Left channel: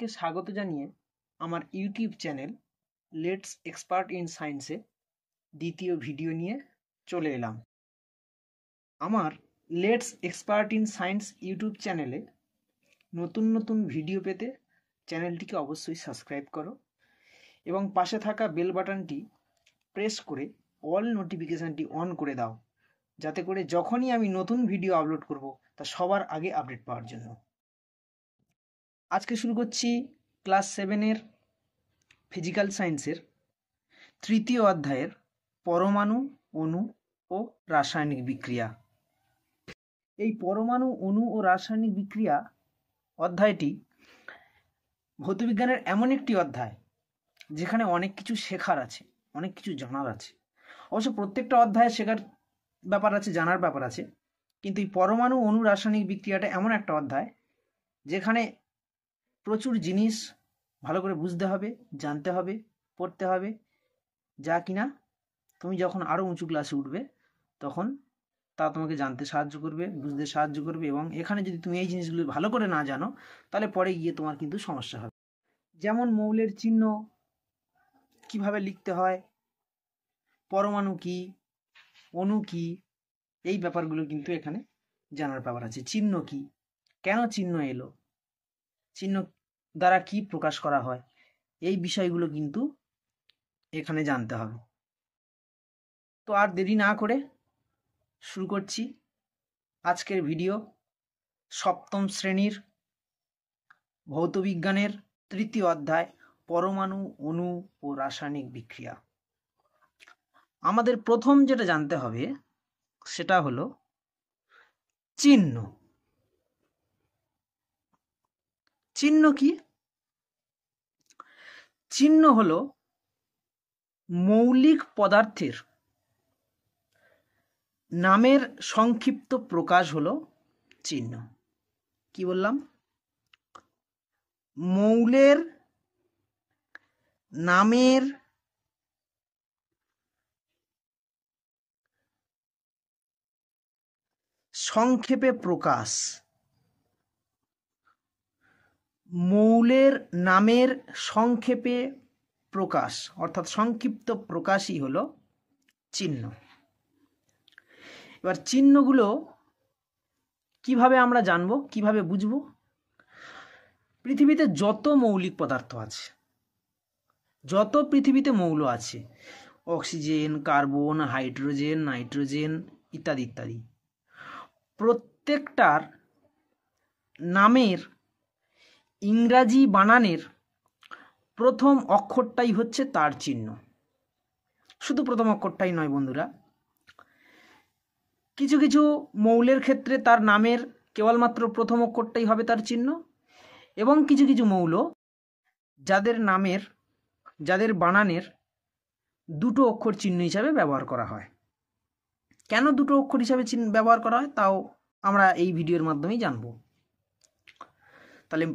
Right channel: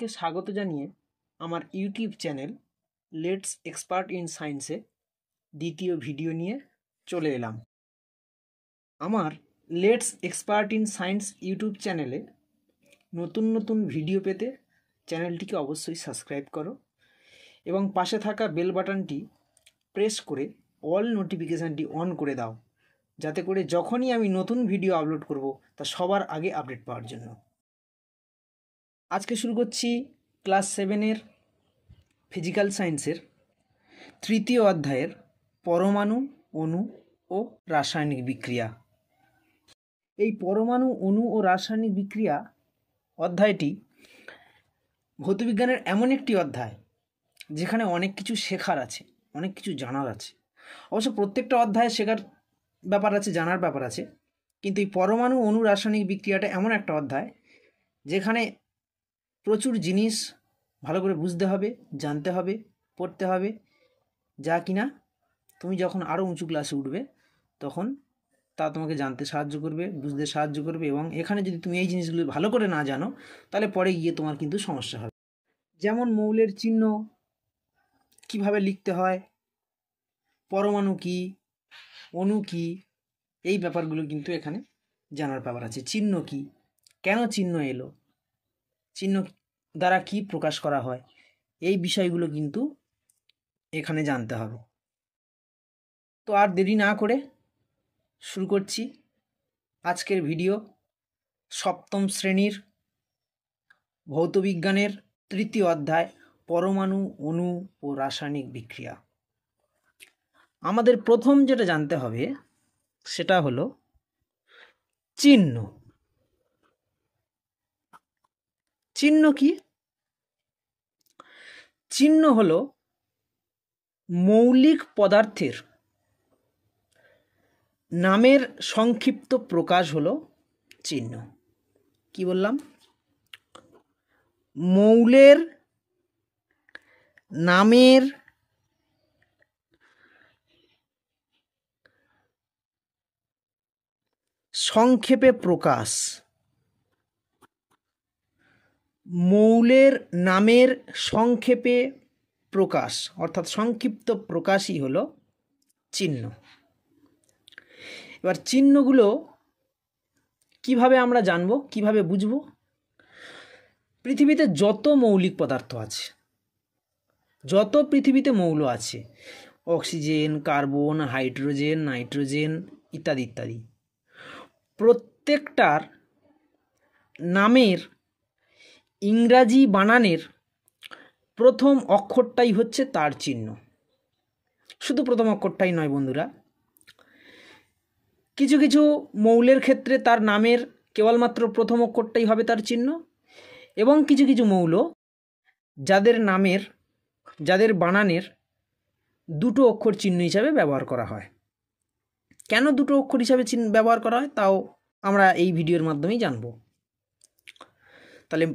প্রত্যেককে স্বাগত জানিয়ে আমার YouTube channel let's expert in সায়েন্সে দ্বিতীয় ভিডিও নিয়ে চলে এলাম। আমার let's expert in science YouTube চ্যানেলে নতুন নতুন ভিডিও পেতে চ্যানেলটিকে অবশ্যই সাবস্ক্রাইব করো এবং পাশে থাকা বেল বাটনটি প্রেস করে অল নোটিফিকেশানটি অন করে দাও, যাতে করে যখনই আমি নতুন ভিডিও আপলোড করব তা সবার আগে আপডেট পাওয়ার জন্য। আজকে শুরু করছি ক্লাস 7-এর ফিজিক্যাল সায়েন্সের তৃতীয় অধ্যায়ের পরমাণু, অণু ও রাসায়নিক বিক্রিয়া। এই পরমাণু, অণু ও রাসায়নিক বিক্রিয়া অধ্যায়টি ভৌতবিজ্ঞানের এমন একটি অধ্যায় যেখানে অনেক কিছু শেখার আছে, অনেক কিছু জানার আছে। অবশ্য প্রত্যেকটা অধ্যায়ে শেখার ব্যাপার আছে, জানার ব্যাপার আছে, কিন্তু এই পরমাণু, অণু, রাসায়নিক বিক্রিয়াটা এমন একটা অধ্যায় যেখানে প্রচুর জিনিস ভালো করে বুঝতে হবে, জানতে হবে, পড়তে হবে, যা কিনা তুমি যখন আরও উঁচু ক্লাসে উঠবে তখন তা তোমাকে জানতে সাহায্য করবে, বুঝতে সাহায্য করবে। এবং এখানে যদি তুমি এই জিনিসগুলো ভালো করে না জানো তাহলে পরে গিয়ে তোমার কিন্তু সমস্যা হবে। যেমন মৌলের চিহ্ন কিভাবে লিখতে হয়, পরমাণু কি, অণু কি, এই ব্যাপারগুলো কিন্তু এখানে জানার ব্যাপার আছে। চিহ্ন কি, কেন চিহ্ন এলো, চিহ্ন দ্বারা কি প্রকাশ করা হয়, এই বিষয়গুলো কিন্তু এখানে জানতে হবে। তো আর দেরি না করে শুরু করছি আজকের ভিডিও। সপ্তম শ্রেণীর ভৌতবিজ্ঞানের তৃতীয় অধ্যায় পরমাণু, অণু ও রাসায়নিক বিক্রিয়া। আমাদের প্রথম যেটা জানতে হবে সেটা হলো চিহ্ন। চিহ্ন কি? চিহ্ন হলো মৌলিক পদার্থের নামের সংক্ষিপ্ত প্রকাশ হলো চিহ্ন। কি বললাম? মৌলের নামের সংক্ষেপে প্রকাশ, মৌলের নামের সংক্ষেপে প্রকাশ অর্থাৎ সংক্ষিপ্ত প্রকাশই হলো চিহ্ন। এবার চিহ্নগুলো কিভাবে আমরা জানবো, কিভাবে বুঝবো? পৃথিবীতে যত মৌলিক পদার্থ আছে, যত পৃথিবীতে মৌল আছে, অক্সিজেন, কার্বন, হাইড্রোজেন, নাইট্রোজেন ইত্যাদি ইত্যাদি, প্রত্যেকটার নামের ইংরাজি বানানের প্রথম অক্ষরটাই হচ্ছে তার চিহ্ন। শুধু প্রথম অক্ষরটাই নয় বন্ধুরা, কিছু কিছু মৌলের ক্ষেত্রে তার নামের কেবলমাত্র প্রথম অক্ষরটাই হবে তার চিহ্ন, এবং কিছু কিছু মৌল যাদের বানানের দুটো অক্ষর চিহ্ন হিসাবে ব্যবহার করা হয়। কেন দুটো অক্ষর হিসাবে ব্যবহার করা হয় তাও আমরা এই ভিডিওর মাধ্যমেই জানব। তাহলে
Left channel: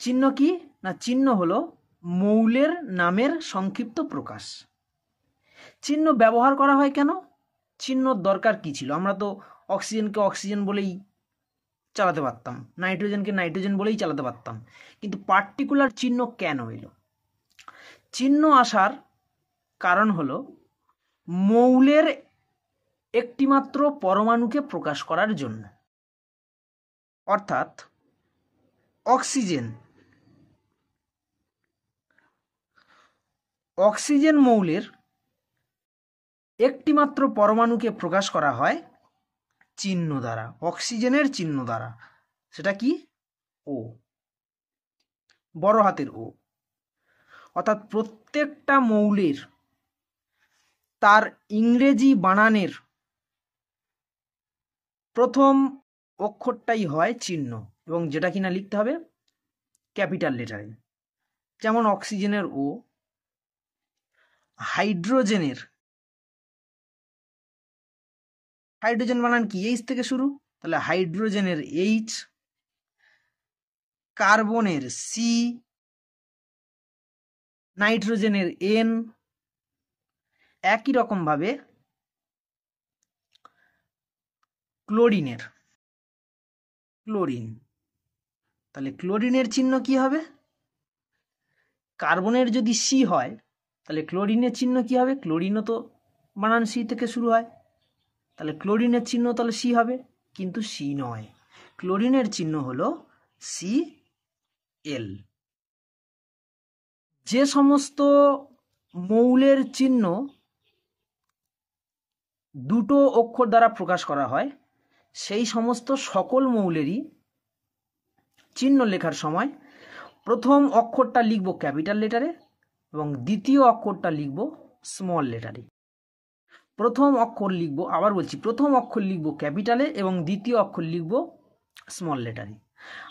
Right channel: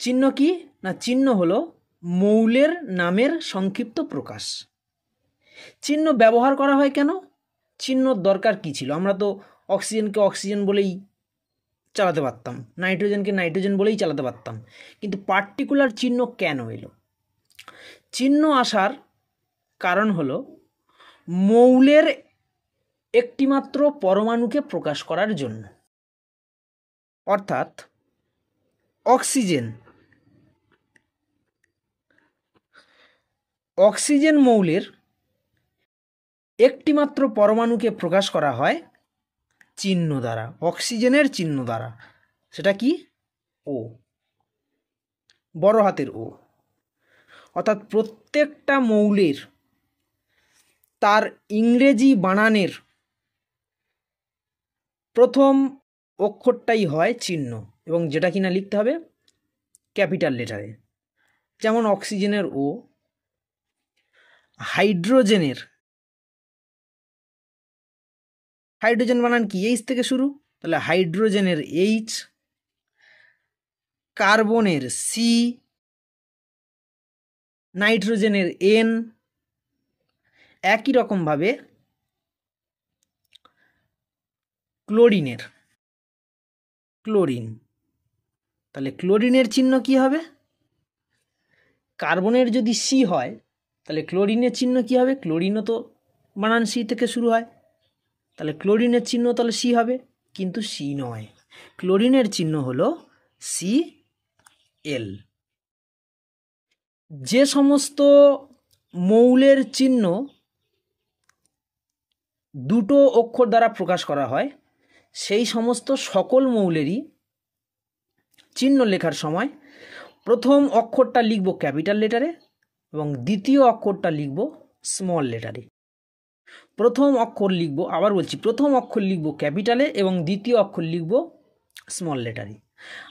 চিহ্ন কি না, চিহ্ন হলো মৌলের নামের সংক্ষিপ্ত প্রকাশ। চিহ্ন ব্যবহার করা হয় কেন? চিহ্নর দরকার কি ছিল? আমরা তো অক্সিজেনকে অক্সিজেন বলেই চালাতে পারতাম, নাইট্রোজেনকে নাইট্রোজেন বলেই চালাতে পারতাম, কিন্তু পার্টিকুলার চিহ্ন কেন এলো? চিহ্ন আসার কারণ হলো মৌলের একটিমাত্র পরমাণুকে প্রকাশ করার জন্য। অর্থাৎ অক্সিজেন মৌলের একটিমাত্র পরমাণুকে প্রকাশ করা হয় চিহ্ন দ্বারা, অক্সিজেনের চিহ্ন দ্বারা। সেটা কি? ও, বড় হাতের ও। অর্থাৎ প্রত্যেকটা মৌলের তার ইংরেজি বানানের প্রথম অক্ষরটাই হয় চিহ্ন, এবং যেটা কিনা লিখতে হবে ক্যাপিটাল লেটারে। যেমন অক্সিজেনের ও, হাইড্রোজেন বানান কি? এইচ থেকে শুরু, তাহলে হাইড্রোজেনের এইচ, কার্বনের সি, নাইট্রোজেনের এন। একই রকমভাবে ক্লোরিন, তাহলে ক্লোরিনের চিহ্ন কি হবে? কার্বনের যদি সি হয় তাহলে ক্লোরিনের চিহ্ন কি হবে? ক্লোরিনও তো বানান সি থেকে শুরু হয়, তাহলে ক্লোরিনের চিহ্ন তাহলে সি হবে, কিন্তু সি নয়, ক্লোরিনের চিহ্ন হলো সি এল। যে সমস্ত মৌলের চিহ্ন দুটো অক্ষর দ্বারা প্রকাশ করা হয় সেই সমস্ত সকল মৌলেরই চিহ্ন লেখার সময় প্রথম অক্ষরটা লিখব ক্যাপিটাল লেটারে এবং দ্বিতীয় অক্ষরটা লিখব স্মল লেটারে। প্রথম অক্ষর লিখব, আবার বলছি, প্রথম অক্ষর লিখব ক্যাপিটালে এবং দ্বিতীয় অক্ষর লিখব স্মল লেটারে।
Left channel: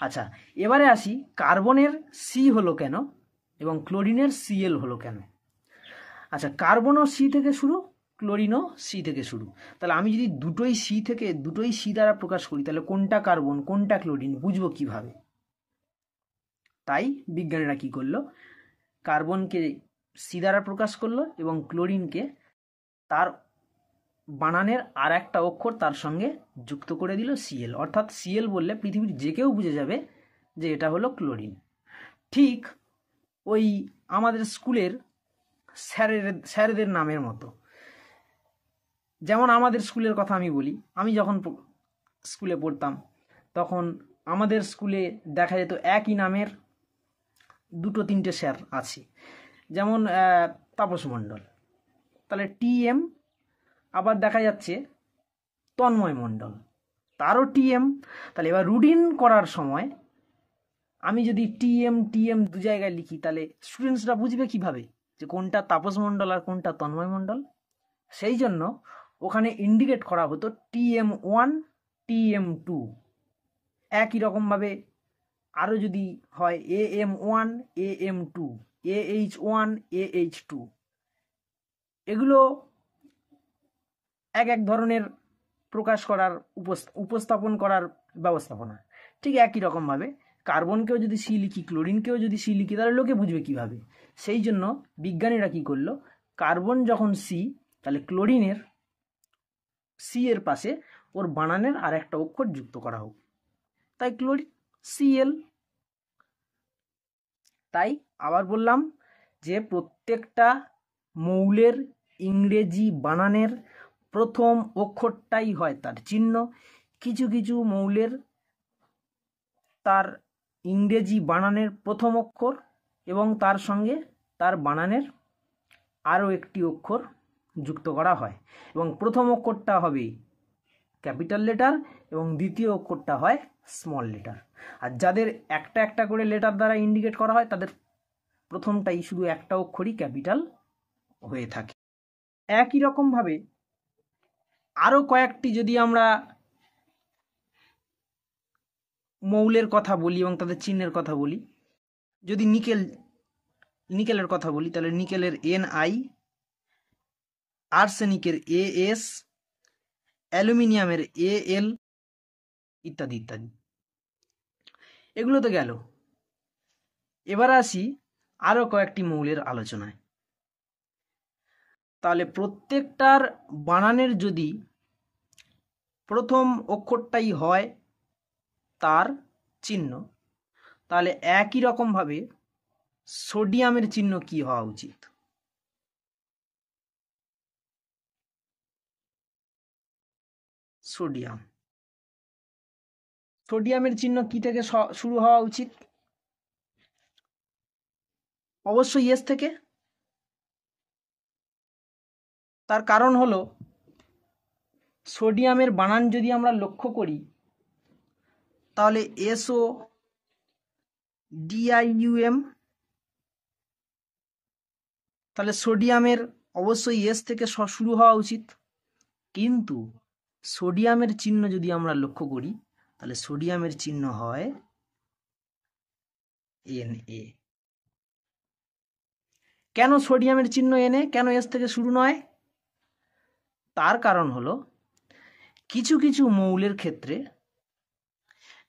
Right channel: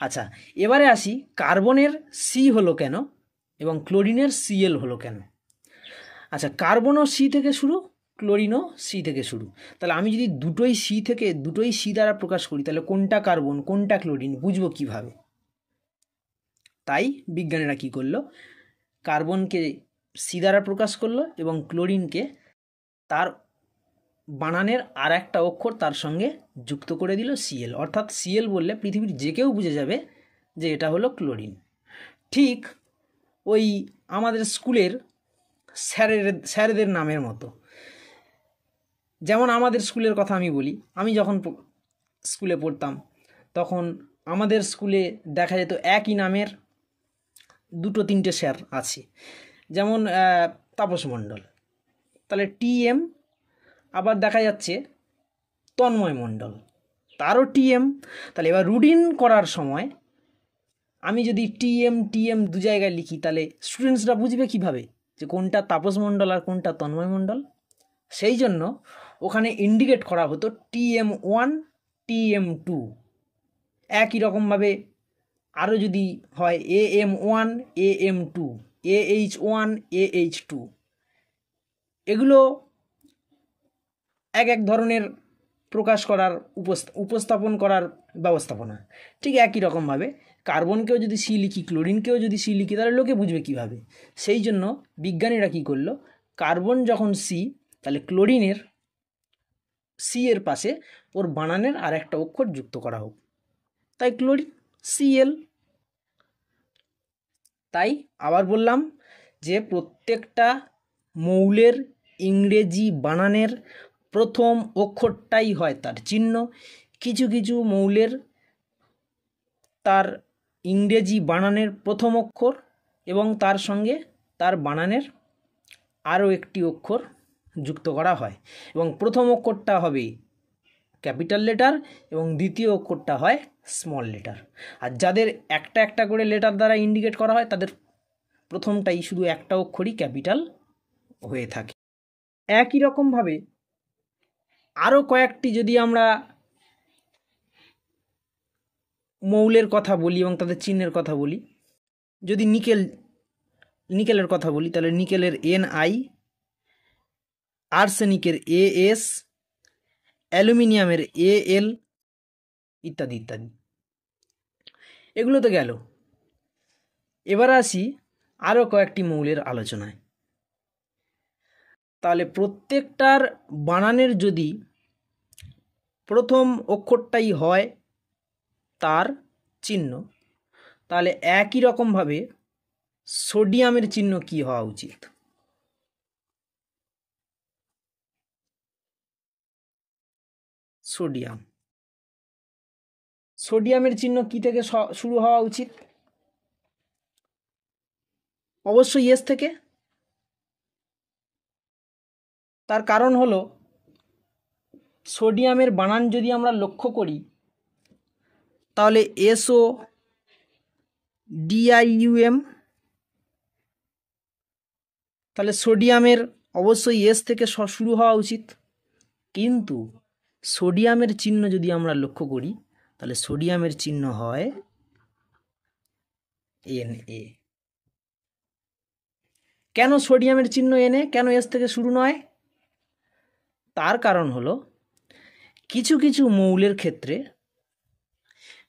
আচ্ছা, এবারে আসি কার্বনের সি হলো কেন এবং ক্লোরিনের সিএল হলো কেন। আচ্ছা, কার্বনও সি থেকে শুরু, ক্লোরিনও সি থেকে শুরু, তাহলে আমি যদি দুটোই সি দ্বারা প্রকাশ করি তাহলে কোনটা কার্বন কোনটা ক্লোরিন বুঝবো কিভাবে? তাই বিজ্ঞানীরা কি করলো, কার্বনকে সি দ্বারা প্রকাশ করলো এবং ক্লোরিনকে তার বানানের আর একটা অক্ষর তার সঙ্গে যুক্ত করে দিল সিএল, অর্থাৎ সিএল বললে পৃথিবীর যে কেউ বুঝে যাবে যে এটা হলো ক্লোরিন। ঠিক ওই আমাদের স্কুলের স্যারেদের নামের মতো। যেমন আমাদের স্কুলের কথা আমি বলি, আমি যখন স্কুলে পড়তাম তখন আমাদের স্কুলে দেখা যেত একই নামের দুটো তিনটে স্যার আছে, যেমন তাপস মণ্ডল, তাহলে টিএম, আবার দেখা যাচ্ছে তন্ময় মণ্ডল, তারও টিএম। তাহলে এবার রুটিন করার সময় আমি যদি টিএম দু জায়গায় লিখি তাহলে স্টুডেন্টসরা বুঝবে কিভাবে যে কোনটা তাপস মণ্ডল আর কোনটা তন্ময় মণ্ডল? সেই জন্য ওখানে ইন্ডিকেট করা হতো TM1 TM2। একই রকমভাবে আরও যদি হয় AM1 AM2 AH1 AH2, এগুলো এক এক ধরনের প্রকাশ করার উপস্থাপন করার ব্যবস্থাপনা। ঠিক একই রকমভাবে কার্বনকেও যদি সি লিখি ক্লোরিনকেও যদি সি লিখি তাহলে লোকে বুঝবে কিভাবে? সেই জন্য বিজ্ঞানীরা কি করলো, কার্বন যখন সি তাহলে ক্লোরিনের সি এর পাশে ওর বানানের আর একটা অক্ষর যুক্ত করা হোক, তাই ক্লোরিন সিএল। তাই আবার বললাম যে প্রত্যেকটা মৌলের ইংরেজি বানানের প্রথম অক্ষরটাই হয় তার চিহ্ন। কিছু কিছু মৌলের তার ইংরেজি বানানের প্রথম অক্ষর এবং তার সঙ্গে তার বানানের আরও একটি অক্ষর যুক্ত করা হয় এবং প্রথম অক্ষরটা হবে ক্যাপিটাল লেটার এবং দ্বিতীয় অক্ষরটা হয় স্মল লেটার। আর যাদের একটা একটা করে লেটার দ্বারা ইন্ডিকেট করা হয় তাদের প্রথমটাই শুধু একটা অক্ষরই ক্যাপিটাল হয়ে থাকে। একই রকমভাবে আরও কয়েকটি যদি আমরা মৌলের কথা বলি এবং তাদের চিহ্নের কথা বলি, যদি নিকেলের কথা বলি তাহলে নিকেলের Ni, আর্সেনিকের As, অ্যালুমিনিয়ামের Al ইত্যাদি ইত্যাদি। এগুলো তো গেল। এবার আসি আরও কয়েকটি মৌলের আলোচনায়। তাহলে প্রত্যেকটার বানানের যদি প্রথম অক্ষরটাই হয় তার চিহ্ন, তাহলে একই রকমভাবে সোডিয়ামের চিহ্ন কি হওয়া উচিত? সোডিয়ামের চিহ্ন কি থেকে শুরু হওয়া উচিত? অবশ্যই এস থেকে। তার কারণ হলো সোডিয়ামের বানান যদি আমরা লক্ষ্য করি তাহলে SO DIUM, তাহলে সোডিয়ামের অবশ্যই এস থেকে শুরু হওয়া উচিত। কিন্তু সোডিয়ামের চিহ্ন যদি আমরা লক্ষ্য করি তাহলে সোডিয়ামের চিহ্ন হয় Na। কেন সোডিয়ামের চিহ্ন Na, কেন এস থেকে শুরু নয়? তার কারণ হলো কিছু কিছু মৌলের ক্ষেত্রে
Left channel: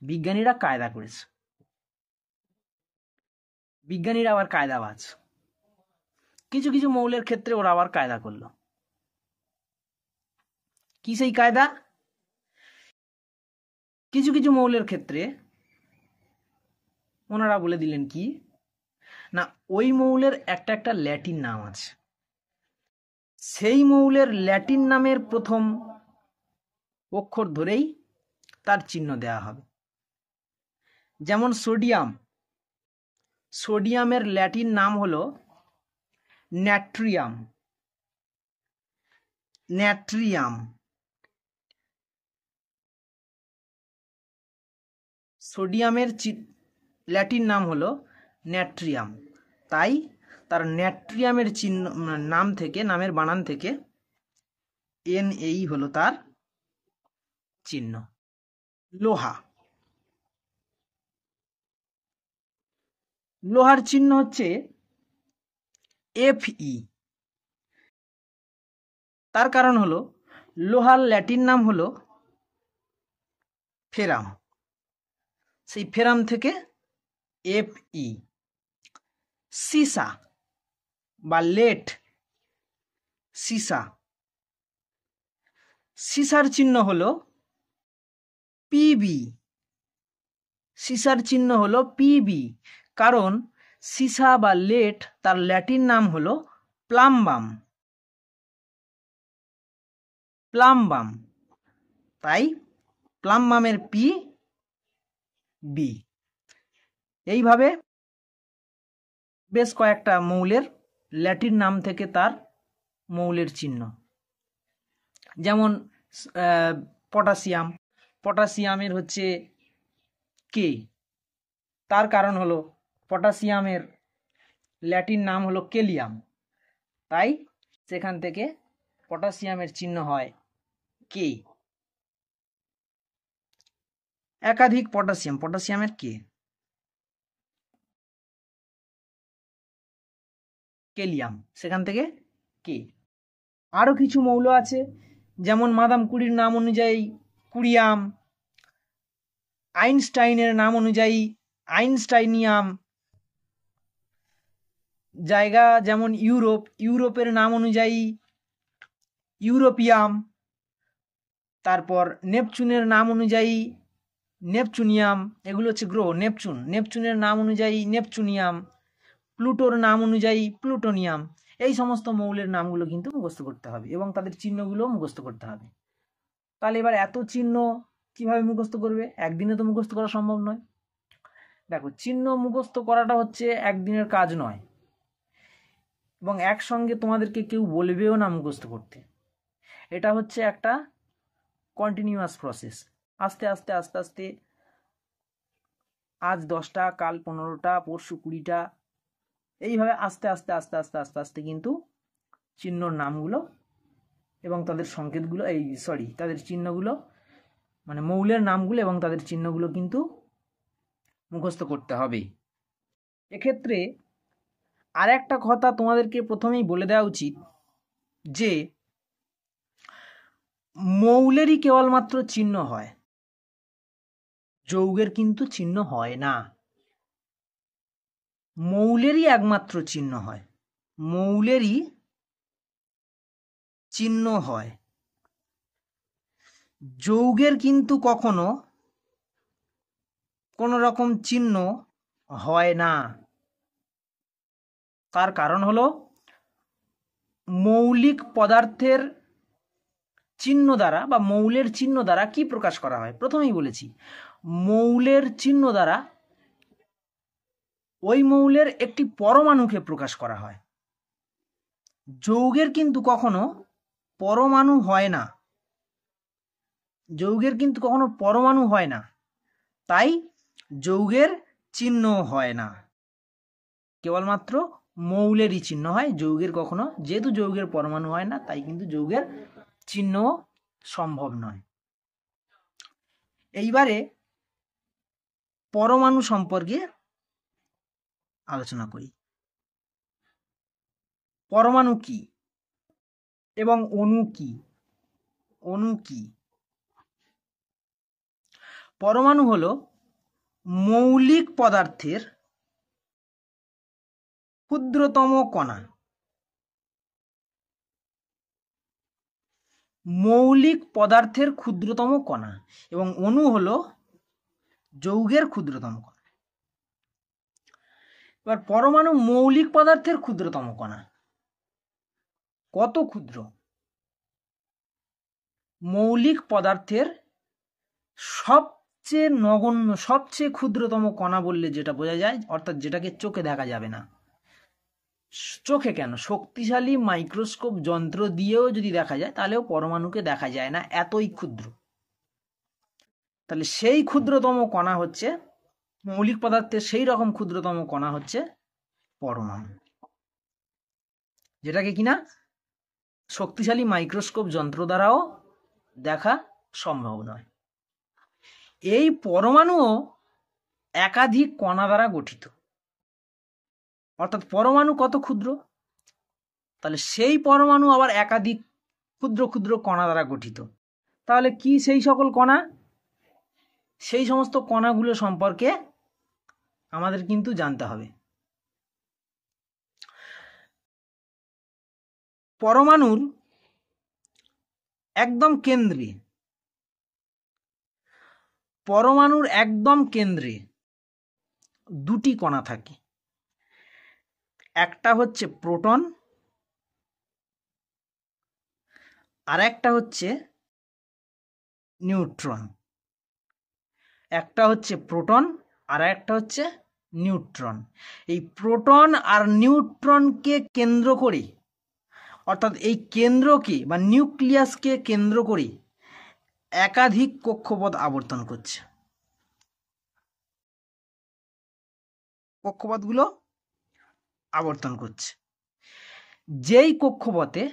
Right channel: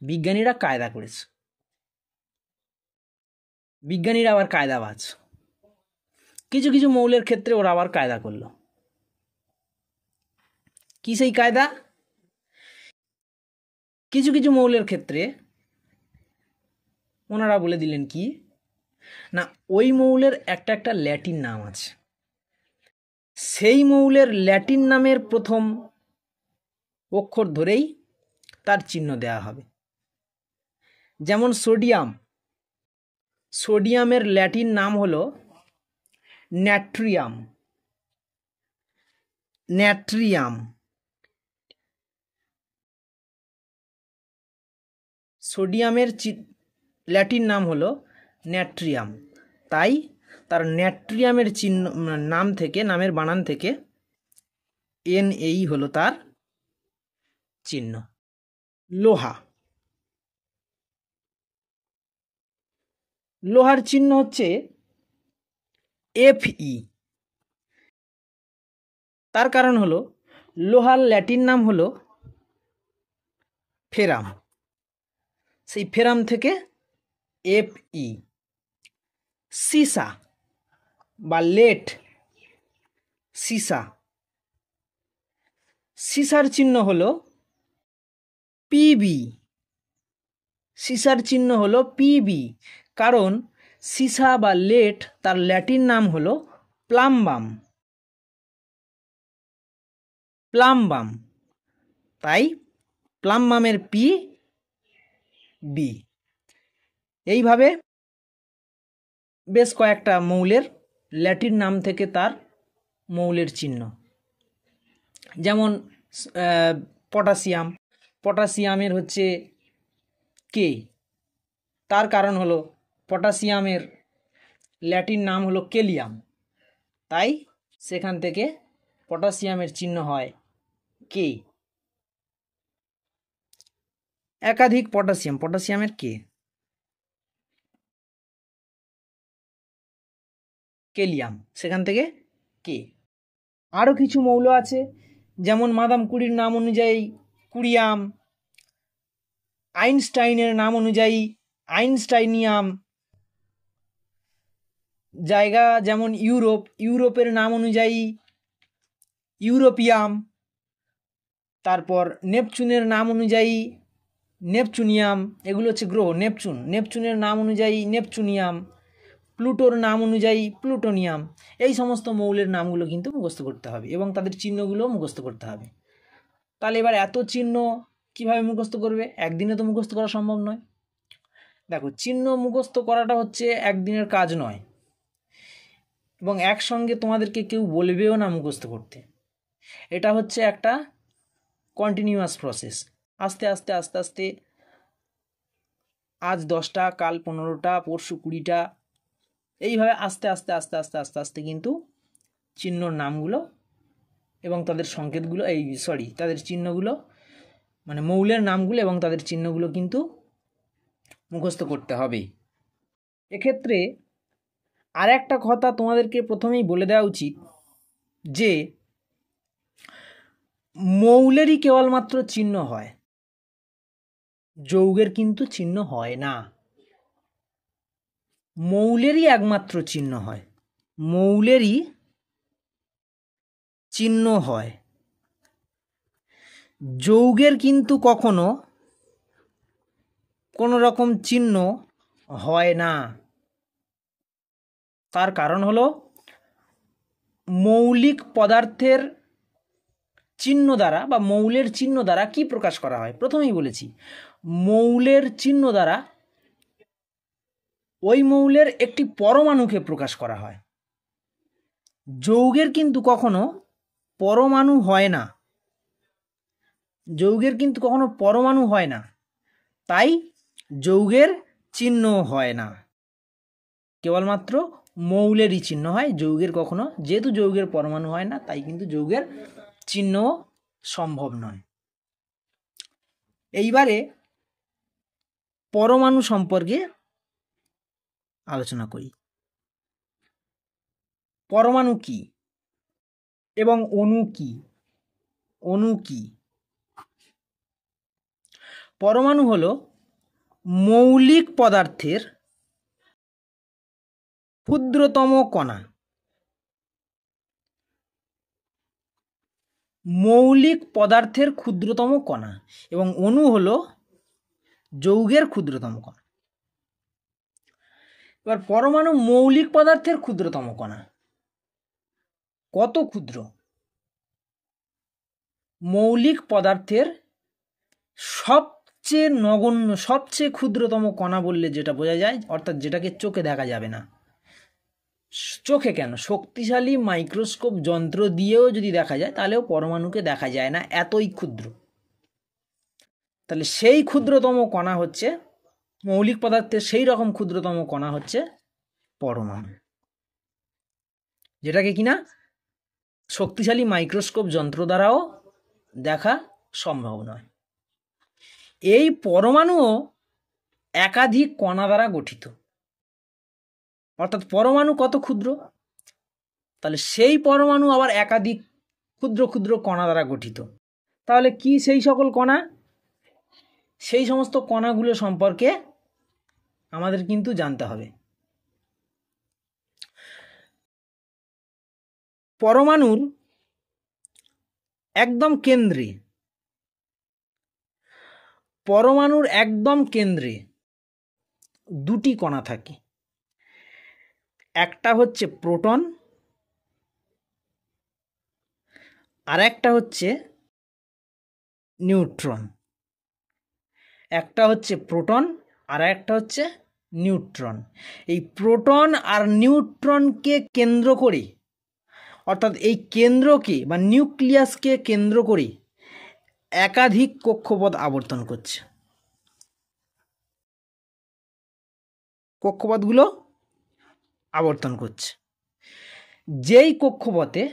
বিজ্ঞানীরা কায়দা করেছে, বিজ্ঞানীরা আবার কায়দাবাজ। কিছু কিছু মৌলের ক্ষেত্রে ওরা আবার কায়দা করলো। কি সেই কায়দা? কিছু কিছু মৌলের ক্ষেত্রে ওনারা বলে দিলেন কি, না, ওই মৌলের একটা একটা ল্যাটিন নাম আছে, সেই মৌলের ল্যাটিন নামের প্রথম অক্ষর ধরেই তার চিহ্ন দেওয়া হবে। যেমন সোডিয়াম, সোডিয়ামের ল্যাটিন নাম হলো ন্যাট্রিয়াম, ন্যাট্রিয়াম। সোডিয়ামের ল্যাটিন নাম হলো ন্যাট্রিয়াম, তাই তার ন্যাট্রিয়ামের চিহ্ন নাম থেকে, নামের বানান থেকে Na হলো তার চিহ্ন। লোহা, লোহার চিহ্ন হচ্ছে Fe। তার কারণ হলো লোহার ল্যাটিন নাম হলো ফেরাম, সেই ফেরাম থেকে Fe। সীসা বা লেড, সীসা, সীসার চিহ্ন হলো Pb, সীসার চিহ্ন হলো Pb, কারণ সীসা বা লেড তার ল্যাটিন নাম হলো প্লাম্বাম, প্লাম্বাম, তাই প্লাম্বামের Pb। এইভাবে বেশ কয়েকটা মৌলের ল্যাটিন নাম থেকে তার মৌলের চিহ্ন। যেমন পটাশিয়াম, পটাশিয়ামের হচ্ছে কে, তার কারণ হলো পটাশিয়ামের ল্যাটিন নাম হলো কেলিয়াম, তাই সেখান থেকে পটাশিয়ামের চিহ্ন হয় কে। একাধিক পটাশিয়াম, পটাশিয়ামের কে, কেলিয়াম, সেখান থেকে কে। আরও কিছু মৌল আছে, যেমন মাদাম কুড়ির নাম অনুযায়ী কুরিয়াম, আইনস্টাইনের নাম অনুযায়ী আইনস্টাইনিয়াম, জায়গা যেমন ইউরোপ, ইউরোপের নাম অনুযায়ী ইউরোপিয়াম, তারপর নেপচুনের নাম অনুযায়ী নেপচুনিয়াম, এগুলো হচ্ছে গ্রহ। নেপচুন, নেপচুনের নাম অনুযায়ী নেপচুনিয়াম, প্লুটোর নাম অনুযায়ী প্লুটোনিয়াম। এই সমস্ত মৌলের নামগুলো কিন্তু মুখস্থ করতে হবে এবং তাদের চিহ্নগুলো মুখস্থ করতে হবে। তাহলে এবার এত চিহ্ন কিভাবে মুখস্থ করবে? একদিনে তো মুখস্থ করা সম্ভব নয়। দেখো, চিহ্ন মুখস্থ করাটা হচ্ছে একদিনের কাজ নয়, এবং একসঙ্গে তোমাদেরকে কেউ বলবেও না মুখস্থ করতে। এটা হচ্ছে একটা কন্টিনিউয়াস প্রসেস। আস্তে আস্তে আস্তে আস্তে আজ 10টা, কাল 15টা, পরশু 20টা, এইভাবে আস্তে আস্তে আস্তে আস্তে আস্তে আস্তে কিন্তু চিহ্নর নামগুলো এবং তাদের সংকেতগুলো, তাদের চিহ্নগুলো, মানে মৌলের নামগুলো এবং তাদের চিহ্নগুলো কিন্তু মুখস্থ করতে হবে। এক্ষেত্রে আর একটা কথা তোমাদেরকে প্রথমেই বলে দেওয়া উচিত যে মৌলেরই কেবলমাত্র চিহ্ন হয়, যৌগের কিন্তু চিহ্ন হয় না। মৌলেরই একমাত্র চিহ্ন হয়, মৌলেরই চিহ্ন হয়, যৌগের কিন্তু কখনো কোনো রকম চিহ্ন হয় না। তার কারণ হলো মৌলিক পদার্থের চিহ্ন দ্বারা বা মৌলের চিহ্ন দ্বারা কি প্রকাশ করা হয়? প্রথমেই বলেছি, মৌলের চিহ্ন দ্বারা ওই মৌলের একটি পরমাণুকে প্রকাশ করা হয়। যৌগের কিন্তু কখনো পরমাণু হয় না, যৌগের কিন্তু কখনো পরমাণু হয় না, তাই যৌগের চিহ্ন হয় না, কেবলমাত্র মৌলেরই চিহ্ন হয়। যৌগের কখনো, যেহেতু যৌগের পরমাণু হয় না, তাই কিন্তু যৌগের চিহ্ন সম্ভব নয়। এইবারে পরমাণু সম্পর্কে আলোচনা করি। পরমাণু কি এবং অণু কি? অণু কি? পরমাণু হলো মৌলিক পদার্থের ক্ষুদ্রতম কণা। মৌলিক পদার্থের ক্ষুদ্রতম কণা এবং অণু হলো যৌগের ক্ষুদ্রতম কণা। এবার পরমাণু মৌলিক পদার্থের ক্ষুদ্রতম কণা কত ক্ষুদ্র? মৌলিক পদার্থের সবচেয়ে নগণ্য, সবচেয়ে ক্ষুদ্রতম কণা বললে যেটা বোঝা যায়, অর্থাৎ যেটাকে চোখে দেখা যাবে না। চোখে কেন, শক্তিশালী মাইক্রোস্কোপ যন্ত্র দিয়েও যদি দেখা যায় তাহলেও পরমাণুকে দেখা যায় না, এতই ক্ষুদ্র। তাহলে সেই ক্ষুদ্রতম কণা হচ্ছে মৌলিক পদার্থের, সেই রকম ক্ষুদ্রতম কণা হচ্ছে পরমাণু, যেটাকে কিনা শক্তিশালী মাইক্রোস্কোপ যন্ত্র দ্বারাও দেখা সম্ভব নয়। এই পরমাণুও একাধিক কণা দ্বারা গঠিত। অর্থাৎ পরমাণু কত ক্ষুদ্র, তাহলে সেই পরমাণু আবার একাধিক ক্ষুদ্র ক্ষুদ্র কণা দ্বারা গঠিত। তাহলে কি সেই সকল কণা? সেই সমস্ত কণাগুলো সম্পর্কে আমাদের কিন্তু জানতে হবে। পরমাণুর একদম কেন্দ্রে, পরমাণুর একদম কেন্দ্রে দুটি কণা থাকে। একটা হচ্ছে প্রোটন, আর একটা হচ্ছে নিউট্রন। একটা হচ্ছে প্রোটন আর একটা হচ্ছে নিউট্রন। এই প্রোটন আর নিউট্রনকে কেন্দ্র করে, অর্থাৎ এই কেন্দ্রকে বা নিউক্লিয়াসকে কেন্দ্র করে একাধিক কক্ষপথ আবর্তন করছে। কক্ষপথগুলো আবর্তন করছে। যেই কক্ষপথে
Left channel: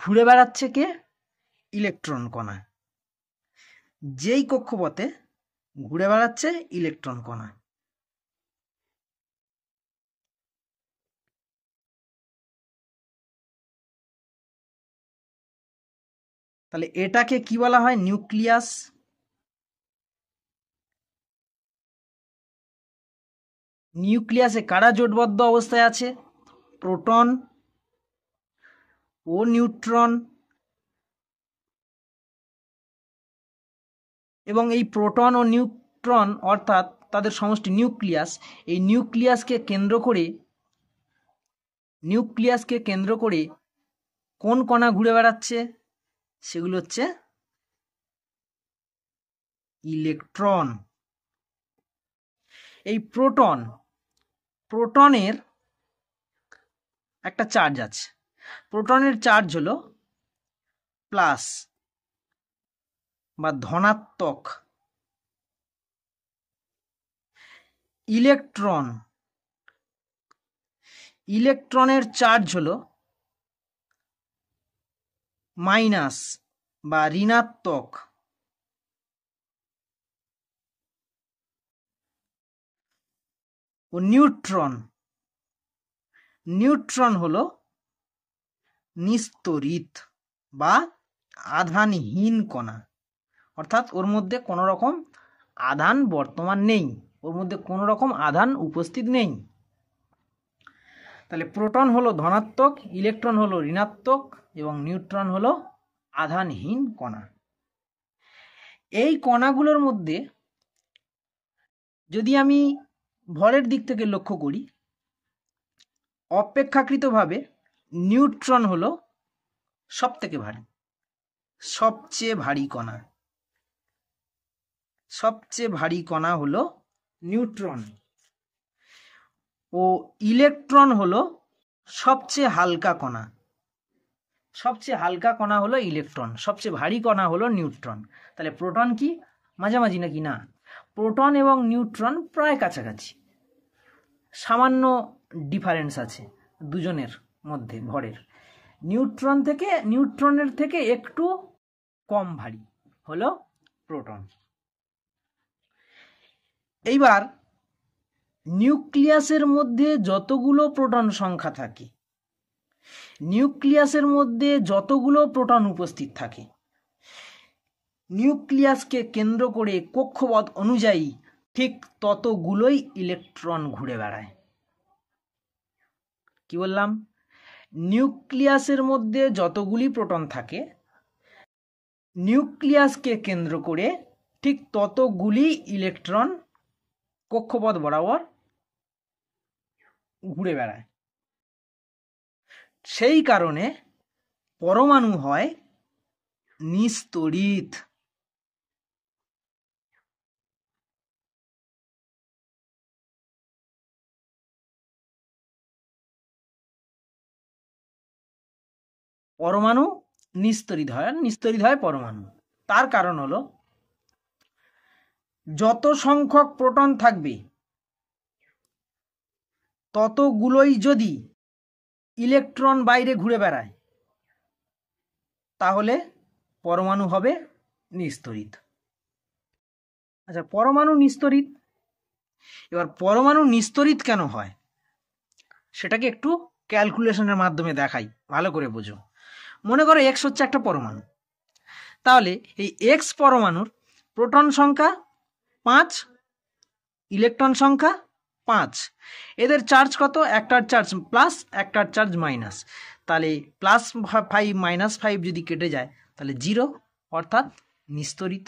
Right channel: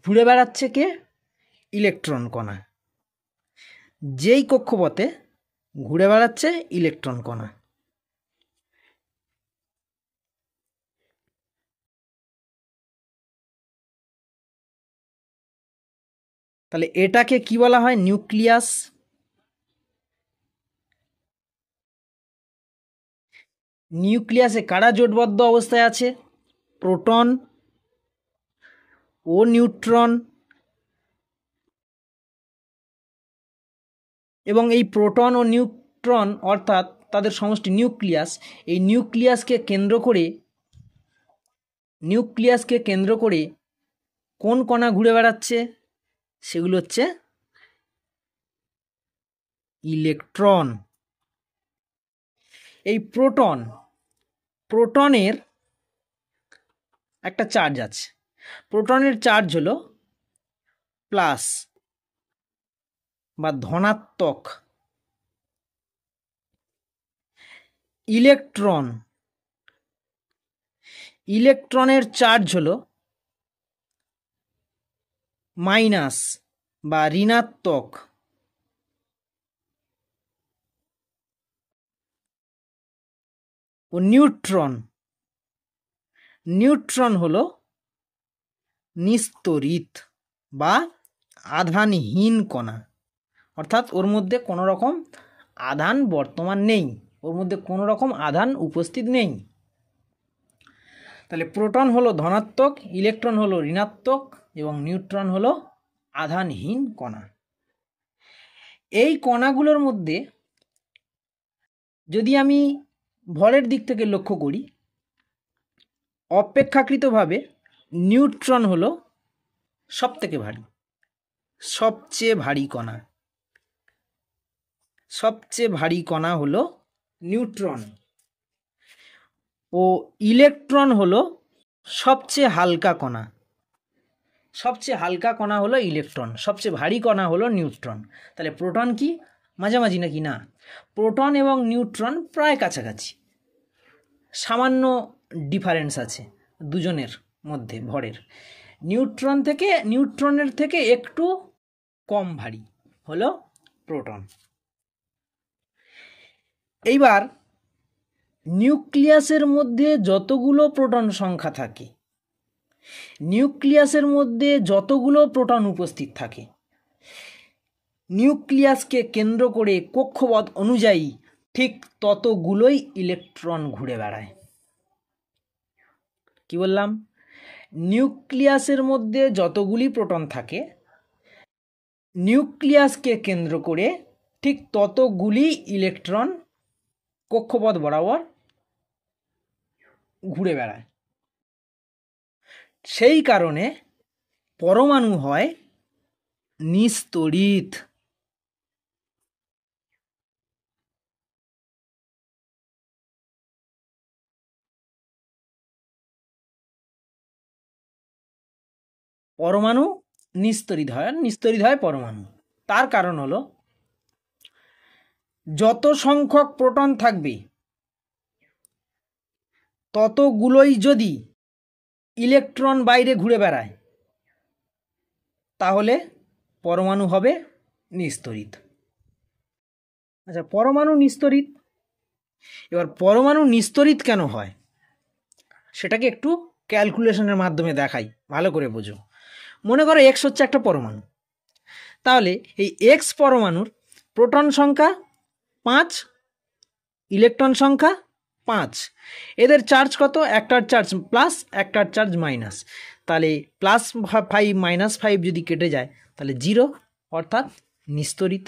ঘুরে বেড়াচ্ছে কে? ইলেকট্রন কণা। যেই কক্ষপথে ঘুরে বেড়াচ্ছে ইলেকট্রন কণা। তাহলে এটাকে কি বলা হয়? নিউক্লিয়াস। নিউক্লিয়াসে কারা জোটবদ্ধ অবস্থায় আছে? প্রোটন ও নিউট্রন। এবং এই প্রোটন ও নিউট্রন অর্থাৎ তাদের সমষ্টি নিউক্লিয়াস, এই নিউক্লিয়াসকে কেন্দ্র করে কোন কণা ঘুরে বেড়াচ্ছে? সেগুলো হচ্ছে ইলেকট্রন। এই প্রোটনের একটা চার্জ আছে। প্রোটনের চার্জ হলো প্লাস বা ধনাত্মক। ইলেকট্রনের চার্জ হলো মাইনাস বা ঋণাত্মক। ও নিউট্রন হলো নিস্তড়িত বা আধানহীন কণা। অর্থাৎ ওর মধ্যে কোনো রকম আধান বর্তমান নেই, ওর মধ্যে কোনো রকম আধান উপস্থিত নেই। তাহলে প্রোটন হলো ধনাত্মক, ইলেকট্রন হলো ঋণাত্মক এবং নিউট্রন হলো আধানহীন কণা। এই কণাগুলোর মধ্যে যদি আমি ভরের দিক থেকে লক্ষ্য করি, অপেক্ষাকৃতভাবে নিউট্রন হলো সবথেকে ভারী, সবচেয়ে ভারী কণা। সবচেয়ে ভারী কণা হলো নিউট্রন। ও ইলেকট্রন হলো সবচেয়ে হালকা কণা। সবচেয়ে হালকা কণা হলো ইলেকট্রন, সবচেয়ে ভারী কণা হলো নিউট্রন। তাহলে প্রোটন কি মাঝামাঝি নাকি? না, প্রোটন এবং নিউট্রন প্রায় কাছাকাছি, সামান্য ডিফারেন্স আছে দুজনের মধ্যে ভরের। নিউট্রনের থেকে একটু কম ভারী হলো প্রোটন। এইবার নিউক্লিয়াসের মধ্যে যতগুলো প্রোটন সংখ্যা থাকে, নিউক্লিয়াসের মধ্যে যতগুলো প্রোটন উপস্থিত থাকে, নিউক্লিয়াসকে কেন্দ্র করে কক্ষপথ অনুযায়ী ঠিক ততগুলোই ইলেকট্রন ঘুরে বেড়ায়। কি বললাম? নিউক্লিয়াসের মধ্যে যতগুলি প্রোটন থাকে, নিউক্লিয়াসকে কেন্দ্র করে ঠিক ততগুলি ইলেকট্রন কক্ষপথ বরাবর ঘুরে বেড়ায়। সেই কারণে পরমাণু হয় নিস্তড়িত। পরমাণু নিস্তড়িত হয় পরমাণু। তার কারণ হলো যত সংখ্যক প্রোটন থাকবে ততগুলোই যদি ইলেকট্রন বাইরে ঘুরে বেড়ায় তাহলে পরমাণু হবে নিস্তড়িত। আচ্ছা, পরমাণু নিস্তড়িত, এবার পরমাণু নিস্তড়িত কেন হয় সেটাকে একটু ক্যালকুলেশনের মাধ্যমে দেখাই, ভালো করে বোঝো। মনে করো এক্স হচ্ছে একটা পরমাণু, তাহলে এই এক্স পরমাণুর প্রোটন সংখ্যা 5, ইলেকট্রন সংখ্যা 5, এদের চার্জ কত? একটার চার্জ প্লাস একটার চার্জ মাইনাস, তাহলে +5 -5 যদি কেটে যায় তাহলে 0, অর্থাৎ নিস্তড়িত।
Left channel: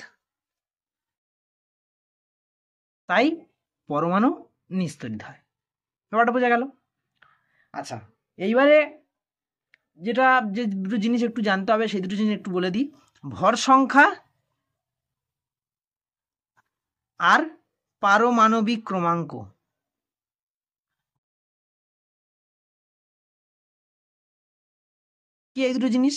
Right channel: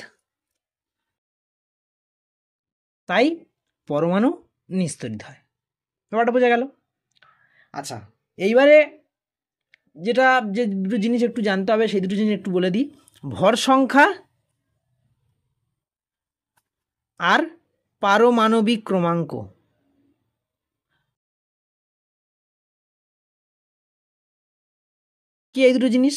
তাই পরমাণু নিস্তড়িত হয়। ব্যাপারটা বোঝা গেল? আচ্ছা, এইবারে যে দুটো জিনিস একটু জানতে হবে সেই দুটো জিনিস একটু বলে দিই। ভর সংখ্যা আর পারমাণবিক ক্রমাঙ্ক। কি এই দুটো জিনিস?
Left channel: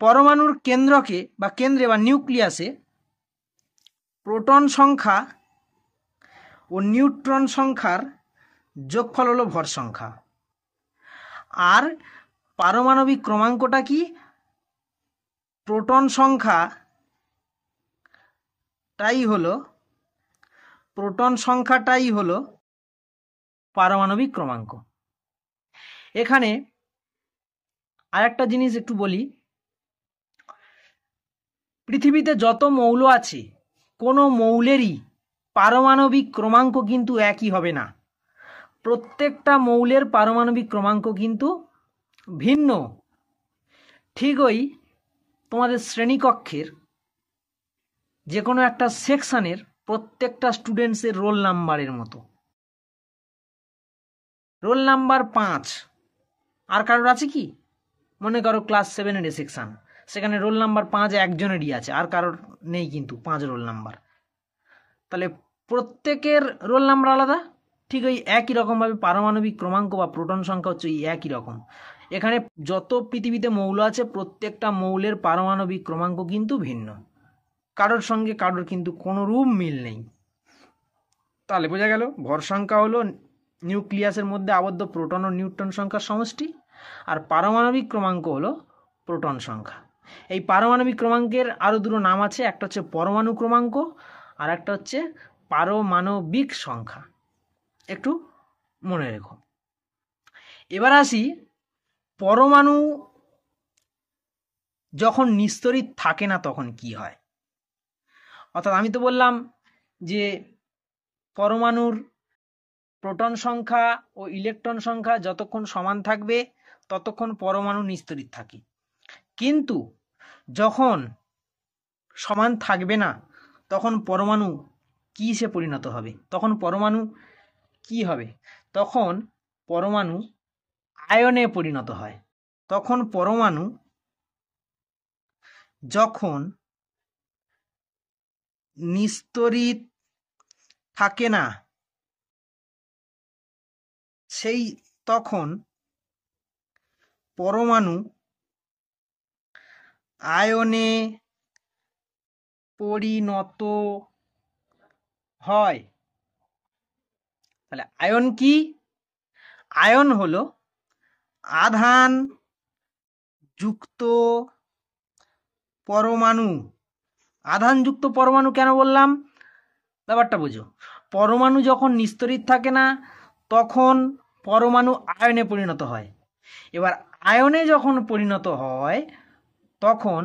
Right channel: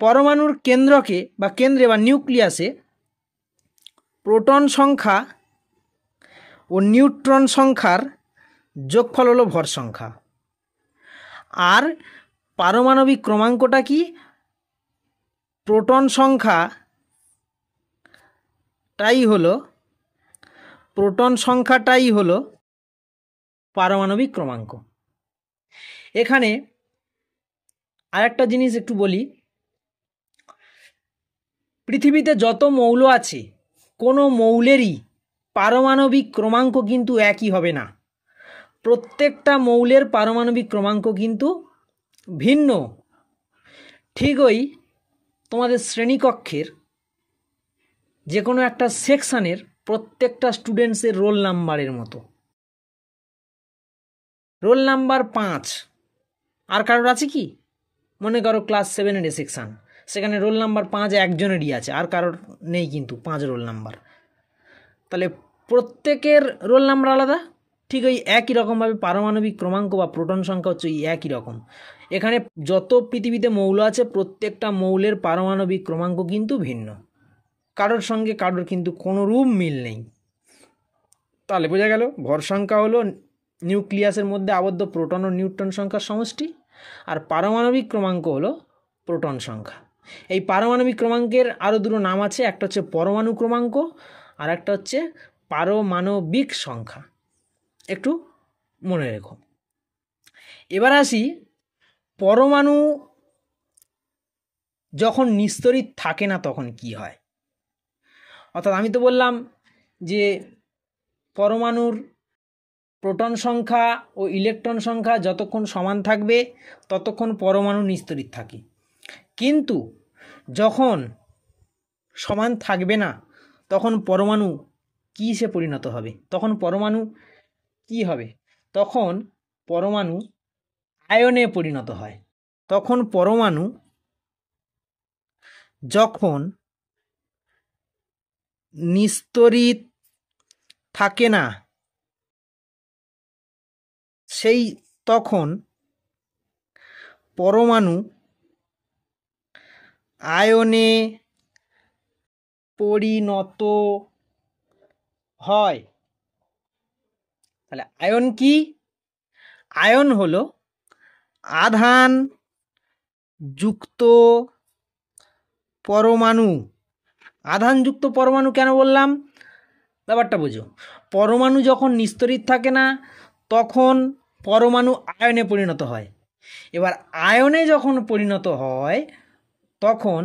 পরমাণুর কেন্দ্রে বা নিউক্লিয়াসে প্রোটন সংখ্যা ও নিউট্রন সংখ্যার যোগফল হলো ভর সংখ্যা, আর পারমাণবিক ক্রমাঙ্কটা কি? প্রোটন সংখ্যাটাই হলো পারমাণবিক ক্রমাঙ্ক। এখানে আরেকটা জিনিস একটু বলি, পৃথিবীতে যত মৌল আছে কোনো মৌলেরই পারমাণবিক ক্রমাঙ্ক কিন্তু একই হবে না। প্রত্যেকটা মৌলের পারমাণবিক ক্রমাঙ্ক কিন্তু ভিন্ন। ঠিক ওই তোমাদের শ্রেণীকক্ষের যে কোনো একটা সেকশনের প্রত্যেকটা স্টুডেন্টসের রোল নাম্বারের মতো। রোল নাম্বার 5, আর কারোর আছে কি? মনে করো ক্লাস 7-এর সেকশন, সেখানে রোল নাম্বার 5 একজনেরই আছে, আর কারোর নেই কিন্তু 5 রোল নাম্বার। তাহলে প্রত্যেকের রোল নাম্বার আলাদা। ঠিক ওই একই রকমভাবে পারমাণবিক ক্রমাঙ্ক বা প্রোটন সংখ্যা হচ্ছে একই রকম। এখানে যত পৃথিবীতে মৌল আছে প্রত্যেকটা মৌলের পারমাণবিক ক্রমাঙ্ক কিন্তু ভিন্ন, কারোর সঙ্গে কারোর কিন্তু কোনো রূপ মিল নেই। তাহলে বোঝা গেল ভর সংখ্যা হলো নিউক্লিয়াসের মধ্যে আবদ্ধ প্রোটন ও নিউট্রন সংখ্যার সমষ্টি, আর পারমাণবিক ক্রমাঙ্ক হলো প্রোটন সংখ্যা। এই পারমাণবিক ক্রমাঙ্কের আরও দুটো নাম আছে, একটা হচ্ছে পরমাণু ক্রমাঙ্ক আর একটা হচ্ছে পারমাণবিক সংখ্যা। একটু মনে রেখো। এবার আসি, পরমাণু যখন নিস্তড়িত থাকে না তখন কি হয়। অর্থাৎ আমি তো বললাম যে পরমাণুর প্রোটন সংখ্যা ও ইলেকট্রন সংখ্যা যতক্ষণ সমান থাকবে ততক্ষণ পরমাণু নিস্তড়িত থাকে, কিন্তু যখন সমান থাকবে না তখন পরমাণু কিসে পরিণত হবে? তখন পরমাণু কি হবে? তখন পরমাণু আয়নে পরিণত হয়। তখন পরমাণু যখন নিস্তড়িত থাকে না তখন পরমাণু আয়নে পরিণত হয়। তাহলে আয়ন কি? আয়ন হলো আধান যুক্ত পরমাণু। আধানযুক্ত পরমাণু কেন বললাম? ব্যাপারটা বোঝো। পরমাণু যখন নিস্তড়িত থাকে না তখন পরমাণু আয়নে পরিণত হয়। এবার আয়নে যখন পরিণত হয় তখন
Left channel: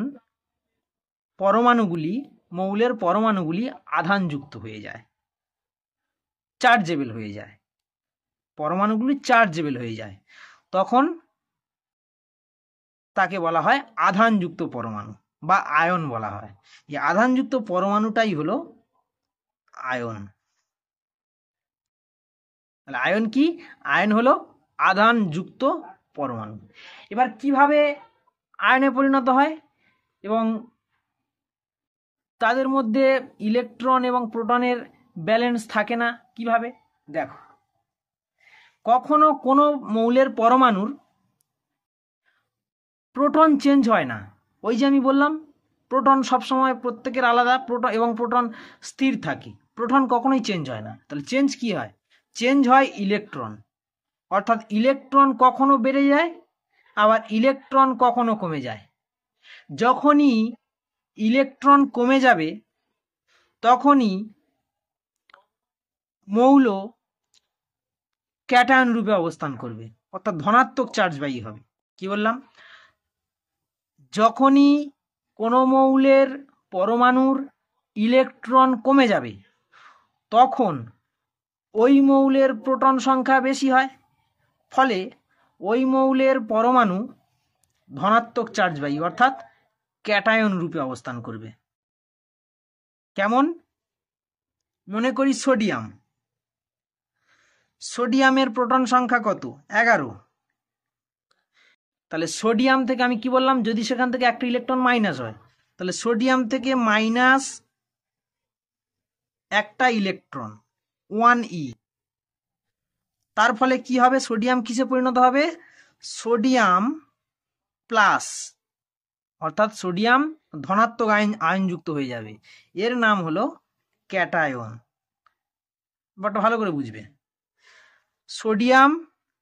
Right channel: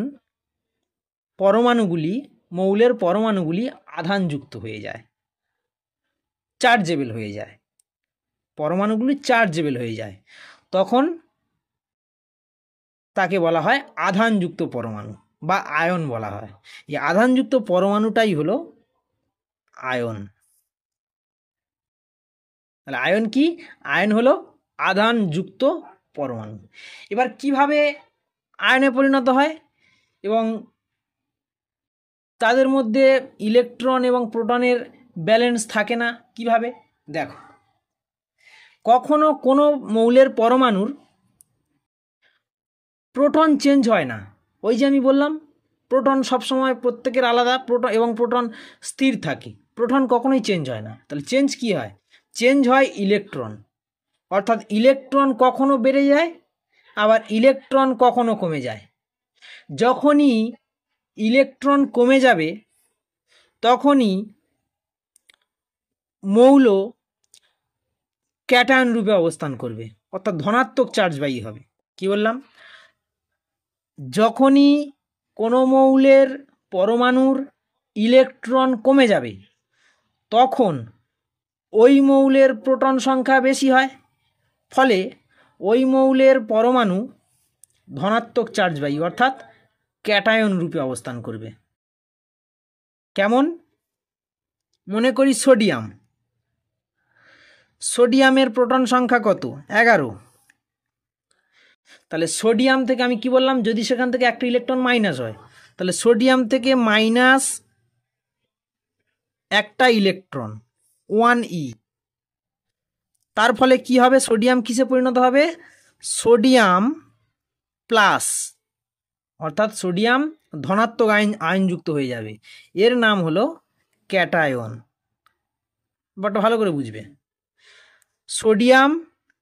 মৌলের পরমাণুগুলি আধানযুক্ত হয়ে যায়, চার্জেবল হয়ে যায়। পরমাণুগুলি চার্জেবল হয়ে যায়, তখন তাকে বলা হয় আধানযুক্ত পরমাণু বা আয়ন বলা হয়। এই আধানযুক্ত পরমাণুটাই হলো আয়ন। তাহলে আয়ন কি? আয়ন হলো আধানযুক্ত পরমাণু। এবার কিভাবে আয়নে পরিণত হয় এবং তাদের মধ্যে ইলেকট্রন এবং প্রোটনের ব্যালেন্স থাকে না কিভাবে? দেখো, কখনো কোনো মৌলের পরমাণুর প্রোটন চেঞ্জ হয় না। ওই যে আমি বললাম, প্রোটন সবসময় প্রত্যেকের আলাদা, প্রোটন এবং প্রোটন স্থির থাকে, প্রোটন কখনোই চেঞ্জ হয় না। তাহলে চেঞ্জ কি হয়? চেঞ্জ হয় ইলেকট্রন, অর্থাৎ ইলেকট্রন কখনো বেড়ে যায়, আবার ইলেকট্রন কখনো কমে যায়। যখনই ইলেকট্রন কমে যাবে তখনই মৌল ক্যাটায়ন রূপে অবস্থান করবে, অর্থাৎ ধনাত্মক চার্জবাহী হবে। কি বললাম? যখনই কোনো মৌলের পরমাণুর ইলেকট্রন কমে যাবে তখন ওই মৌলের প্রোটন সংখ্যা বেশি হয়, ফলে ওই মৌলের পরমাণু ধনাত্মক চার্জবাহী অর্থাৎ ক্যাটায়ন রূপে অবস্থান করবে। কেমন? মনে করি সোডিয়াম, সোডিয়ামের প্রোটন সংখ্যা কত? 11। তাহলে সোডিয়াম থেকে আমি কি বললাম, যদি সেখান থেকে একটা ইলেকট্রন মাইনাস হয়, তাহলে সোডিয়াম থেকে মাইনাস একটা ইলেকট্রন 1e, তার ফলে কি হবে? সোডিয়াম কিসে পরিণত হবে? সোডিয়াম প্লাস, অর্থাৎ সোডিয়াম ধনাত্মক আয়নযুক্ত হয়ে যাবে। এর নাম হলো ক্যাটায়ন। বাট ভালো করে বুঝবে, সোডিয়াম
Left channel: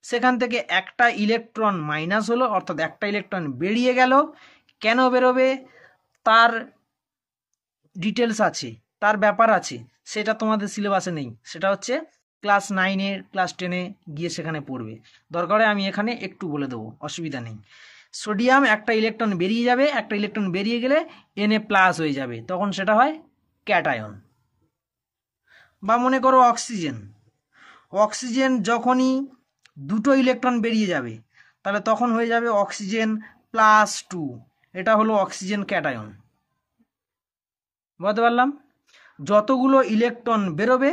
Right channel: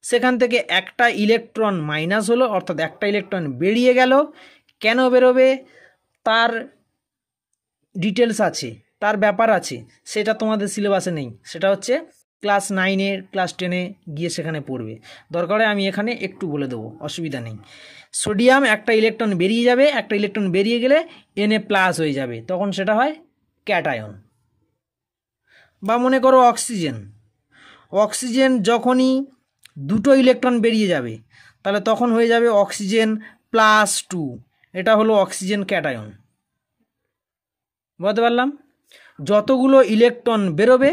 সেখান থেকে একটা ইলেকট্রন মাইনাস হলো, অর্থাৎ একটা ইলেকট্রন বেরিয়ে গেল। কেন বেরোবে তার ডিটেলস আছে, তার ব্যাপার আছে, সেটা তোমাদের সিলেবাসে নেই, সেটা হচ্ছে ক্লাস 9-এ ক্লাস 10-এ গিয়ে সেখানে পড়বে। দরকারে আমি এখানে একটু বলে দেবো, অসুবিধা নেই। সোডিয়াম একটা ইলেকট্রন বেরিয়ে যাবে, একটা ইলেকট্রন বেরিয়ে গেলে Na+ হয়ে যাবে, তখন সেটা হয় ক্যাটায়ন। বা মনে করো অক্সিজেন, অক্সিজেন যখনই দুটো ইলেকট্রন বেরিয়ে যাবে তাহলে তখন হয়ে যাবে অক্সিজেন +2, এটা হলো অক্সিজেন ক্যাটায়ন। বুঝতে পারলাম? যতগুলো ইলেকট্রন বেরোবে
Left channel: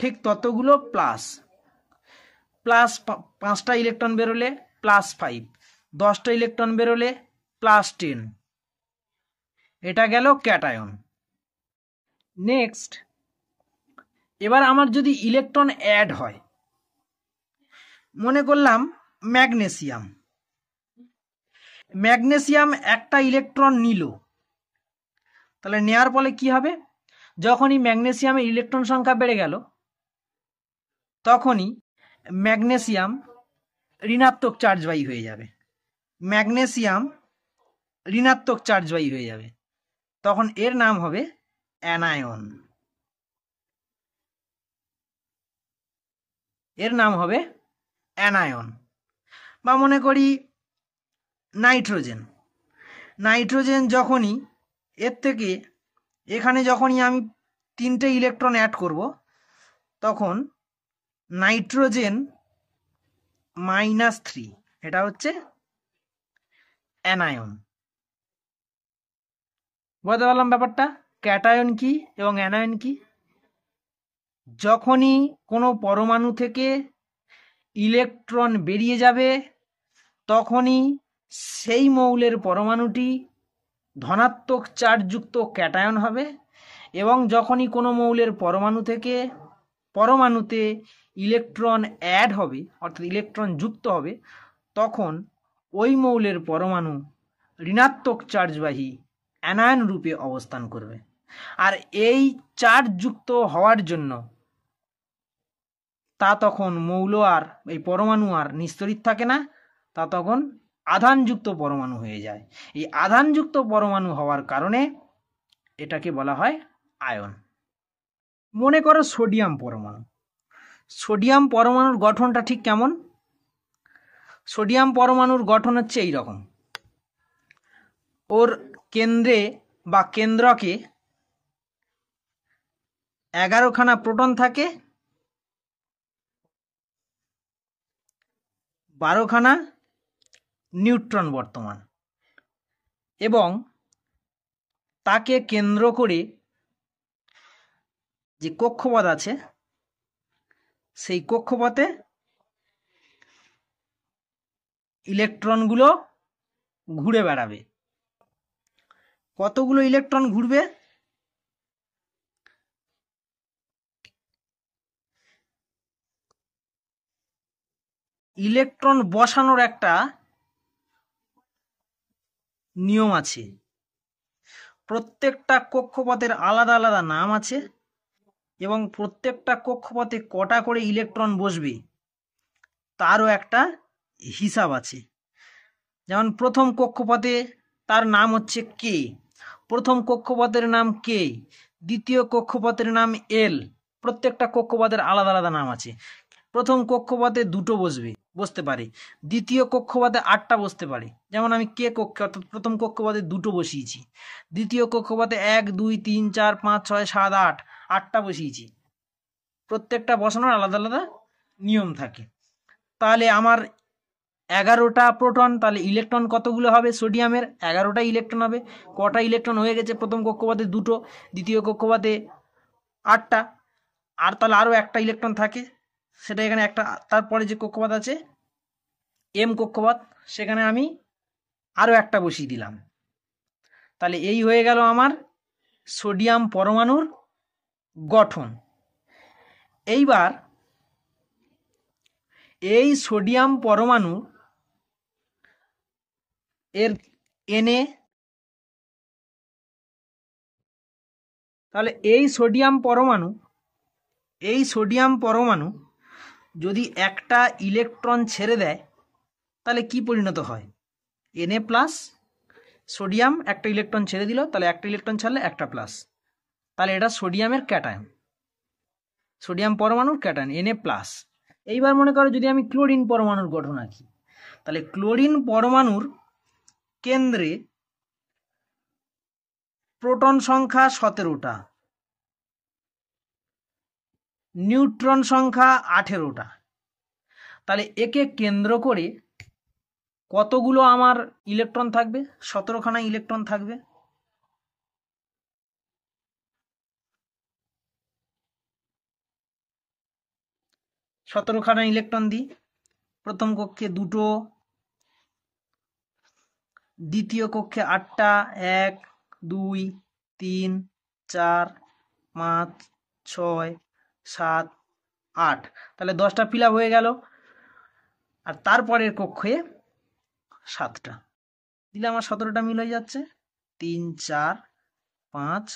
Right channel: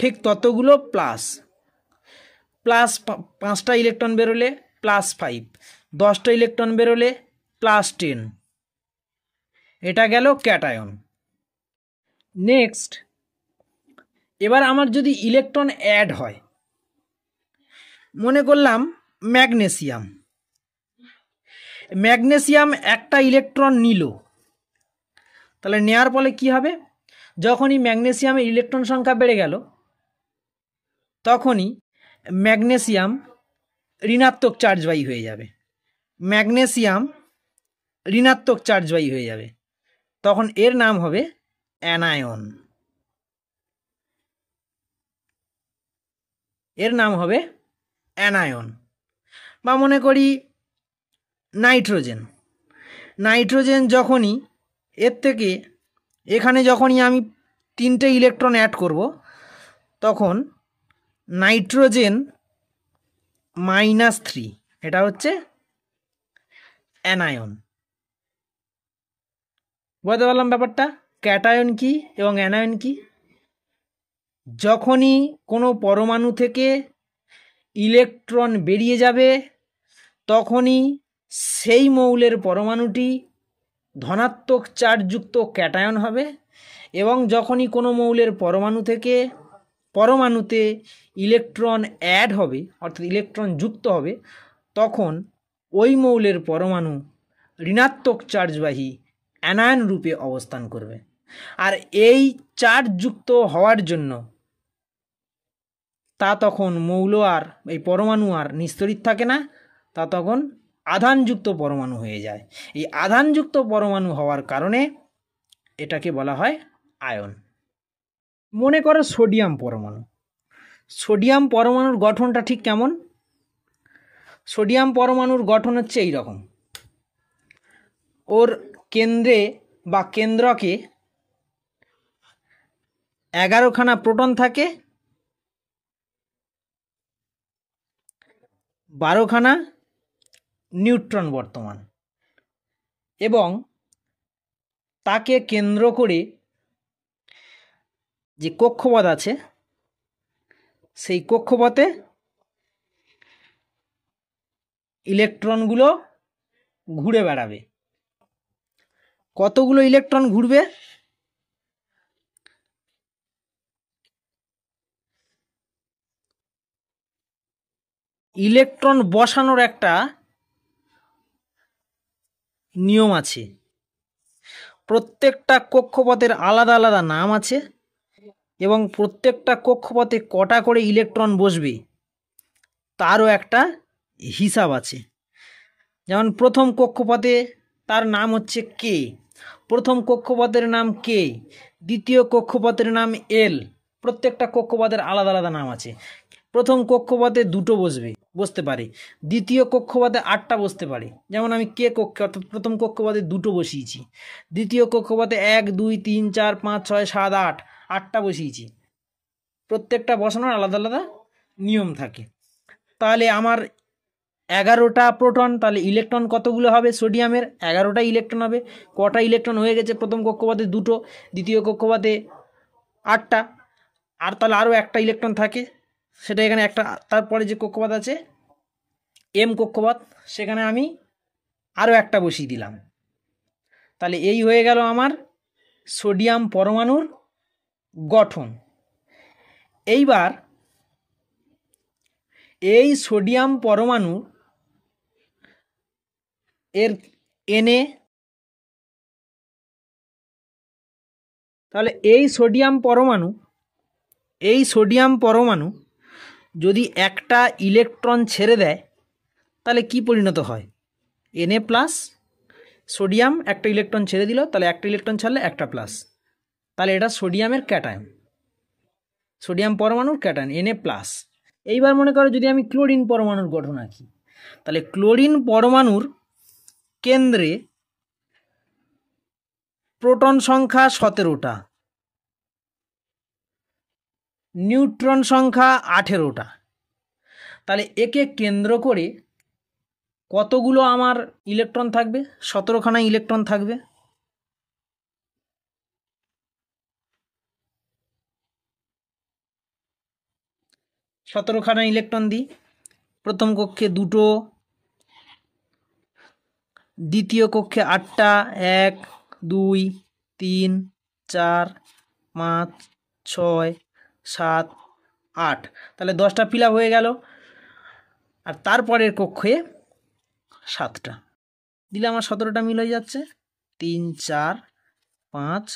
ঠিক ততগুলো প্লাস, 5টা ইলেকট্রন বেরোলে +5, 10টা ইলেকট্রন বেরোলে +10, এটা গেল ক্যাটায়ন। নেক্সট, এবার আমার যদি ইলেকট্রন অ্যাড হয়, মনে করলাম ম্যাগনেসিয়াম, ম্যাগনেসিয়াম একটা ইলেকট্রন নিল, তাহলে নেওয়ার ফলে কি হবে? যখনই ম্যাগনেসিয়ামের ইলেকট্রন সংখ্যা বেড়ে গেল তখনই ম্যাগনেসিয়াম ঋণাত্মক চার্জবাহী হয়ে যাবে, ম্যাগনেসিয়াম ঋণাত্মক চার্জবাহী হয়ে যাবে, তখন এর নাম হবে অ্যানায়ন। এর নাম হবে অ্যানায়ন। বা মনে করি নাইট্রোজেন, নাইট্রোজেন যখনই এর থেকে এখানে যখনই আমি 3টে ইলেকট্রন অ্যাড করব তখন নাইট্রোজেন -3, এটা হচ্ছে অ্যানায়ন। বুঝতে পারলাম ব্যাপারটা? ক্যাটায়ন কি এবং অ্যানায়ন কি? যখনই কোনো পরমাণু থেকে ইলেকট্রন বেরিয়ে যাবে তখনই সেই মৌলের পরমাণুটি ধনাত্মক চার্জযুক্ত ক্যাটায়ন হবে, এবং যখনই কোনো মৌলের পরমাণু থেকে পরমাণুতে ইলেকট্রন অ্যাড হবে অর্থাৎ ইলেকট্রন যুক্ত হবে তখন ওই মৌলের পরমাণু ঋণাত্মক চার্জবাহী অ্যানায়ন রূপে অবস্থান করবে। আর এই চার্জযুক্ত হওয়ার জন্য তা তখন মৌল আর এই পরমাণু আর নিস্তড়িত থাকে না, তা তখন আধানযুক্ত পরমাণু হয়ে যায়। এই আধানযুক্ত পরমাণু হওয়ার কারণে এটাকে বলা হয় আয়ন। মনে করো সোডিয়াম পরমাণু, সোডিয়াম পরমাণুর গঠনটা ঠিক কেমন? সোডিয়াম পরমাণুর গঠন হচ্ছে এই রকম, ওর কেন্দ্রে বা কেন্দ্রকে 11খানা প্রোটন থাকে, 12খানা নিউট্রন বর্তমান, এবং তাকে কেন্দ্র করে যে কক্ষপথ আছে সেই কক্ষপথে ইলেকট্রনগুলো ঘুরে বেড়াবে। কতগুলো ইলেকট্রন ঘুরবে? ইলেকট্রন বসানোর একটা নিয়ম আছে। প্রত্যেকটা কক্ষপথের আলাদা আলাদা নাম আছে এবং প্রত্যেকটা কক্ষপথে কটা করে ইলেকট্রন বসবে তারও একটা হিসাব আছে। যেমন প্রথম কক্ষপথে তার নাম হচ্ছে কে, প্রথম কক্ষপথের নাম কে, দ্বিতীয় কক্ষপথের নাম এল। প্রত্যেকটা কক্ষপথের আলাদা আলাদা নাম আছে। প্রথম কক্ষপথে দুটো বসতে পারে, দ্বিতীয় কক্ষপথে 8টা বসতে পারে। যেমন আমি কে কক্ষে অর্থাৎ প্রথম কক্ষপথে দুটো বসিয়েছি, দ্বিতীয় কক্ষপথে 1 2 3 4 5 6 7 8 8টা বসিয়েছি। প্রত্যেকটা বসানোর আলাদা আলাদা নিয়ম থাকে। তাহলে আমার 11টা প্রোটন, তাহলে ইলেকট্রন কতগুলো হবে? সোডিয়ামের 11টা ইলেকট্রন হবে। কটা ইলেকট্রন হয়ে গেছে? প্রথম কক্ষপথে দুটো, দ্বিতীয় কক্ষপথে 8টা, আর তাহলে আরও একটা ইলেকট্রন থাকে, সেটা এখানে একটা। তারপরে যে কক্ষপথ আছে এম কক্ষপথ, সেখানে আমি আরও একটা বসিয়ে দিলাম। তাহলে এই হয়ে গেল আমার সোডিয়াম পরমাণুর গঠন। এইবার এই সোডিয়াম পরমাণু এর এনে, তাহলে এই সোডিয়াম পরমাণু যদি একটা ইলেকট্রন ছেড়ে দেয় তাহলে কি পরিণত হয়? Na প্লাস, সোডিয়াম একটা ইলেকট্রন ছেড়ে দিল, তাহলে একটা ইলেকট্রন ছাড়লে একটা প্লাস, তাহলে এটা সোডিয়ামের ক্যাটায়ন, সোডিয়াম পরমাণুর ক্যাটায়ন Na প্লাস। এইবার মনে করো যদি আমি ক্লোরিন পরমাণুর গঠন আঁকি, তাহলে ক্লোরিন পরমাণুর কেন্দ্রে প্রোটন সংখ্যা 17টা, নিউট্রন সংখ্যা 18টা। তাহলে একে কেন্দ্র করে কতগুলো আমার ইলেকট্রন থাকবে? 17খানা ইলেকট্রন থাকবে। সতেরোখানা ইলেকট্রন দিই। প্রথম কক্ষে 2টো, দ্বিতীয় কক্ষে 8টা, 1 2 3 4 5 6 7 8, তাহলে 10টা ফিল আপ হয়ে গেল। আর তারপরের কক্ষে 7টা দিলে আমার 17টা মিল হয়ে যাচ্ছে। 3 4 5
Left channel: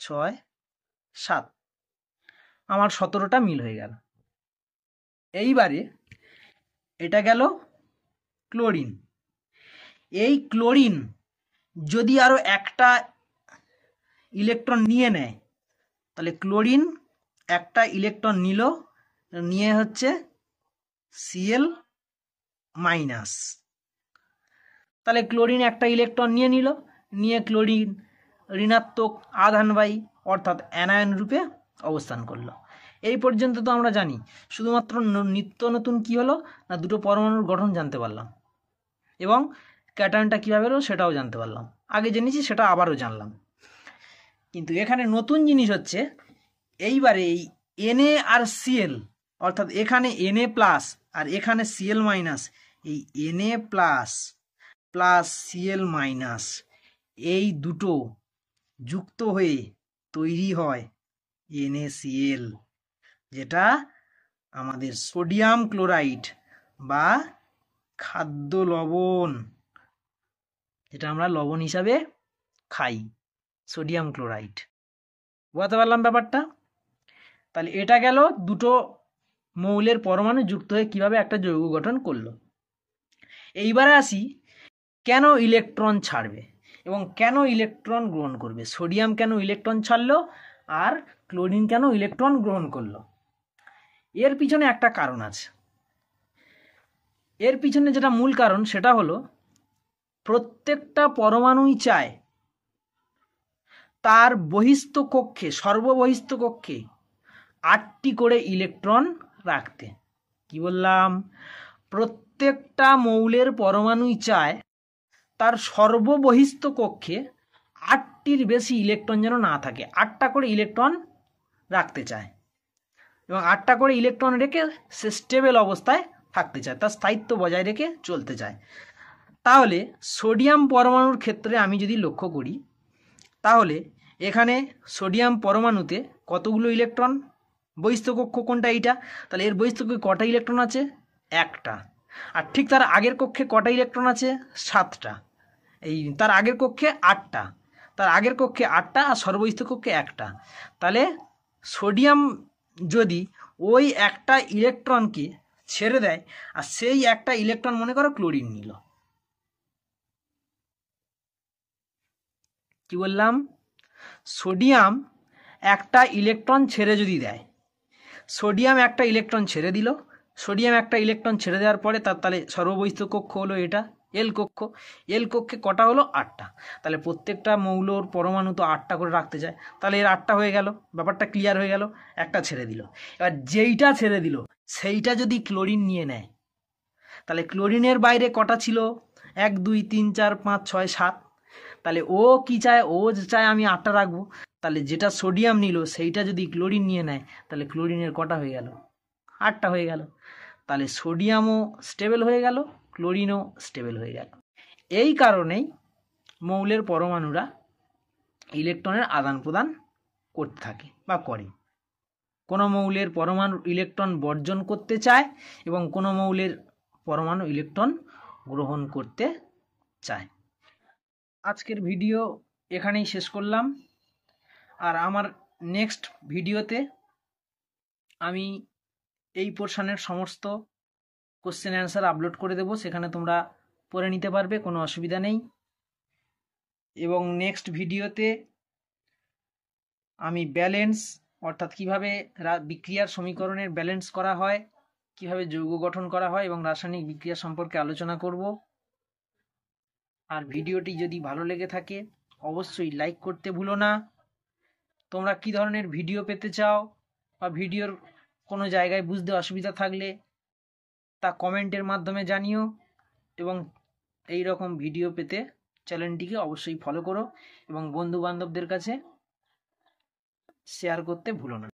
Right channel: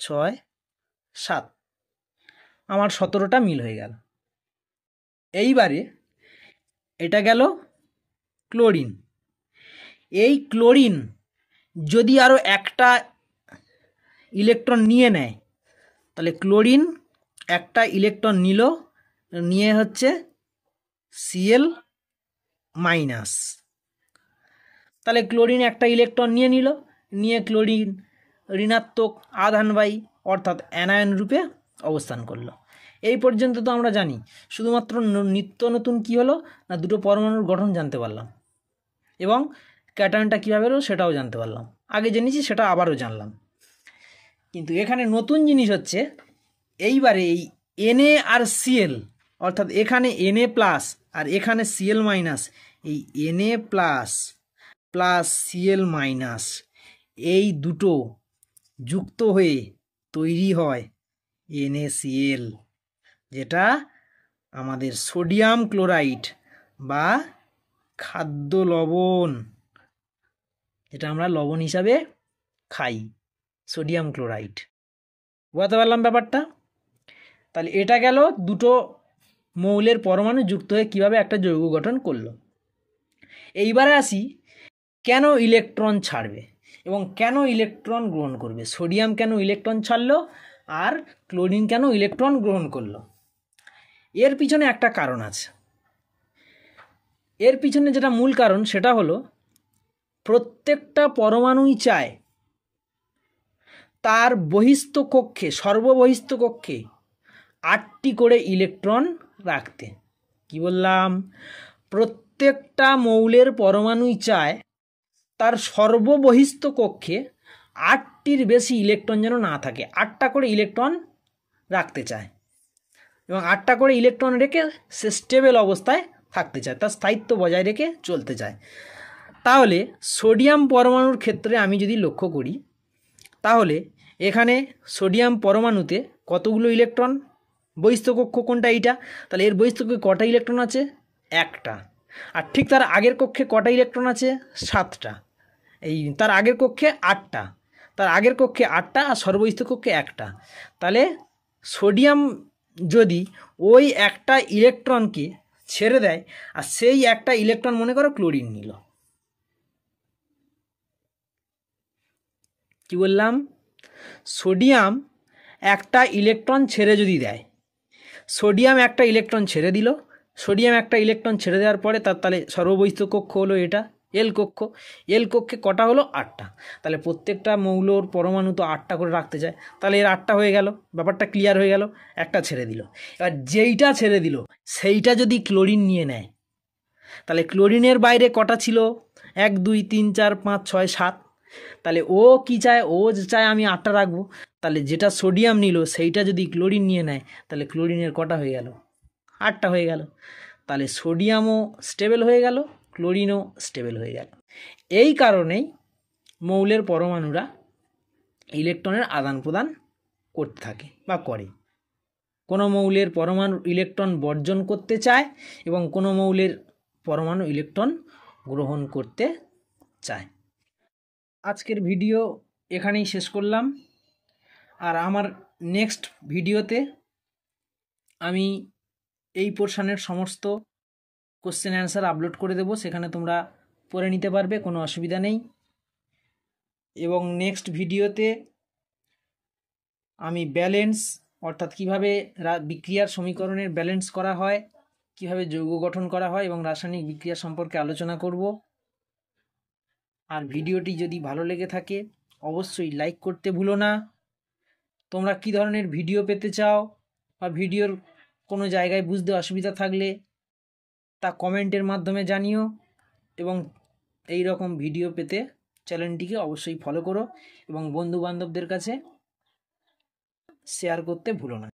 6 7, আমার 17টা মিল হয়ে গেল। এইবারে এটা গেল ক্লোরিন। এই ক্লোরিন যদি আরও একটা ইলেকট্রন নিয়ে নেয়, তাহলে ক্লোরিন একটা ইলেকট্রন নিয়ে হচ্ছে Cl মাইনাস। তাহলে ক্লোরিন একটা ইলেকট্রন নিয়ে ক্লোরিন ঋণাত্মক আধানবাহী অর্থাৎ অ্যানায়ন রূপে অবস্থান করলো। এই পর্যন্ত তো আমরা জানি। শুধুমাত্র নিত্য নতুন কি হলো না, দুটো পরমাণুর গঠন জানতে পারলাম এবং ক্যাটায়নটা কীভাবে হলো সেটাও জানতে পারলাম। আগে জেনেছি, সেটা আবারও জানলাম। কিন্তু এখানে নতুন জিনিস হচ্ছে এইবারে এই Na আর Cl, অর্থাৎ এখানে Na প্লাস আর এখানে Cl মাইনাস, এই Na plus plus Cl minus এই দুটো যুক্ত হয়ে তৈরি হয় NaCl, যেটা আমাদের সোডিয়াম ক্লোরাইড বা খাদ্য লবণ, যেটা আমরা লবণ হিসাবে খাই, সোডিয়াম ক্লোরাইড। বুঝতে পারলাম ব্যাপারটা? তাহলে এটা গেল দুটো মৌলের পরমাণু যুক্ত হয়ে কিভাবে একটা যৌগ গঠন করলো। এইবারে আসি কেন ইলেকট্রন ছাড়বে এবং কেন ইলেকট্রন গ্রহণ করবে। সোডিয়াম কেন ইলেকট্রন ছাড়লো আর ক্লোরিন কেন ইলেকট্রন গ্রহণ করলো? এর পিছনে একটা কারণ আছে। এর পিছনে যেটা মূল কারণ সেটা হলো প্রত্যেকটা পরমাণুই চায় তার বহিস্থ কক্ষে, সর্ববহিস্থ কক্ষে 8টি করে ইলেকট্রন রাখতে। কি বললাম? প্রত্যেকটা মৌলের পরমাণুই চায় তার সর্ববহিস্থ কক্ষে 8টির বেশি ইলেকট্রন যেন না থাকে, 8টা করে ইলেকট্রন রাখতে চায়। এবং 8টা করে ইলেকট্রন রেখে সে স্টেবল অবস্থায় থাকতে চায়, তার স্থায়িত্ব বজায় রেখে চলতে চায়। তাহলে সোডিয়াম পরমাণুর ক্ষেত্রে আমি যদি লক্ষ্য করি, তাহলে এখানে সোডিয়াম পরমাণুতে কতগুলো ইলেকট্রন, বহিস্থ কক্ষ কোনটা এইটা, তাহলে এর বহিস্থ কক্ষে কটা ইলেকট্রন আছে, একটা। আর ঠিক তার আগের কক্ষে কটা ইলেকট্রন আছে, 7টা। এই তার আগের কক্ষে 8টা, তার আগের কক্ষে 8টা, আর সর্ববহিস্থ কক্ষে একটা। তাহলে সোডিয়াম যদি ওই একটা ইলেকট্রনকে ছেড়ে দেয়, আর সেই একটা ইলেকট্রন মনে করো ক্লোরিন নিল, কি বললাম, সোডিয়াম একটা ইলেকট্রন ছেড়ে যদি দেয়, সোডিয়াম একটা ইলেকট্রন ছেড়ে দিল, সোডিয়াম একটা ইলেকট্রন ছেড়ে দেওয়ার পরে তার তাহলে সর্ববহিস্থ কক্ষ হলো এটা এল কক্ষ, এল কক্ষে কটা হলো, 8টা। তাহলে প্রত্যেকটা মৌলর পরমাণু তো 8টা করে রাখতে চায়, তাহলে এর 8টা হয়ে গেল, ব্যাপারটা ক্লিয়ার হয়ে গেল। একটা ছেড়ে দিল, এবার যেইটা ছেড়ে দিল সেইটা যদি ক্লোরিন নিয়ে নেয়, তাহলে ক্লোরিনের বাইরে কটা ছিল, 1 2 3 4 5 6 7। তাহলে ও কি চায়, ও চায় আমি 8টা রাখবো, তাহলে যেটা সোডিয়াম নিল সেইটা যদি ক্লোরিন নিয়ে নেয়, তাহলে ক্লোরিনের কটা হয়ে গেল, 8টা হয়ে গেল। তাহলে সোডিয়ামও স্টেবল হয়ে গেল, ক্লোরিনও স্টেবল হয়ে গেল। এই কারণেই মৌলের পরমাণুরা ইলেকট্রনের আদান প্রদান করতে থাকে বা করে। কোনো মৌলের পরমাণু ইলেকট্রন বর্জন করতে চায় এবং কোনো মৌলের পরমাণু ইলেকট্রন গ্রহণ করতে চায়। আজকের ভিডিও এখানেই শেষ করলাম। আর আমার নেক্সট ভিডিওতে আমি এই পোর্শনের সমস্ত কোশ্চেন অ্যান্সার আপলোড করে দেবো, সেখানে তোমরা পড়ে নিতে পারবে, কোনো অসুবিধা নেই। এবং নেক্সট ভিডিওতে আমি ব্যালেন্স, অর্থাৎ কিভাবে বিক্রিয়ার সমীকরণের ব্যালেন্স করা হয়, কিভাবে যৌগ গঠন করা হয় এবং রাসায়নিক বিক্রিয়া সম্পর্কে আলোচনা করব। আর ভিডিওটি যদি ভালো লেগে থাকে অবশ্যই লাইক করতে ভুলো না। তোমরা কী ধরনের ভিডিও পেতে চাও বা ভিডিওর কোনো জায়গায় বুঝতে অসুবিধা থাকলে তা কমেন্টের মাধ্যমে জানিও। এবং এই রকম ভিডিও পেতে চ্যানেলটিকে অবশ্যই ফলো করো এবং বন্ধু বান্ধবদের কাছে শেয়ার করতে ভুলো না।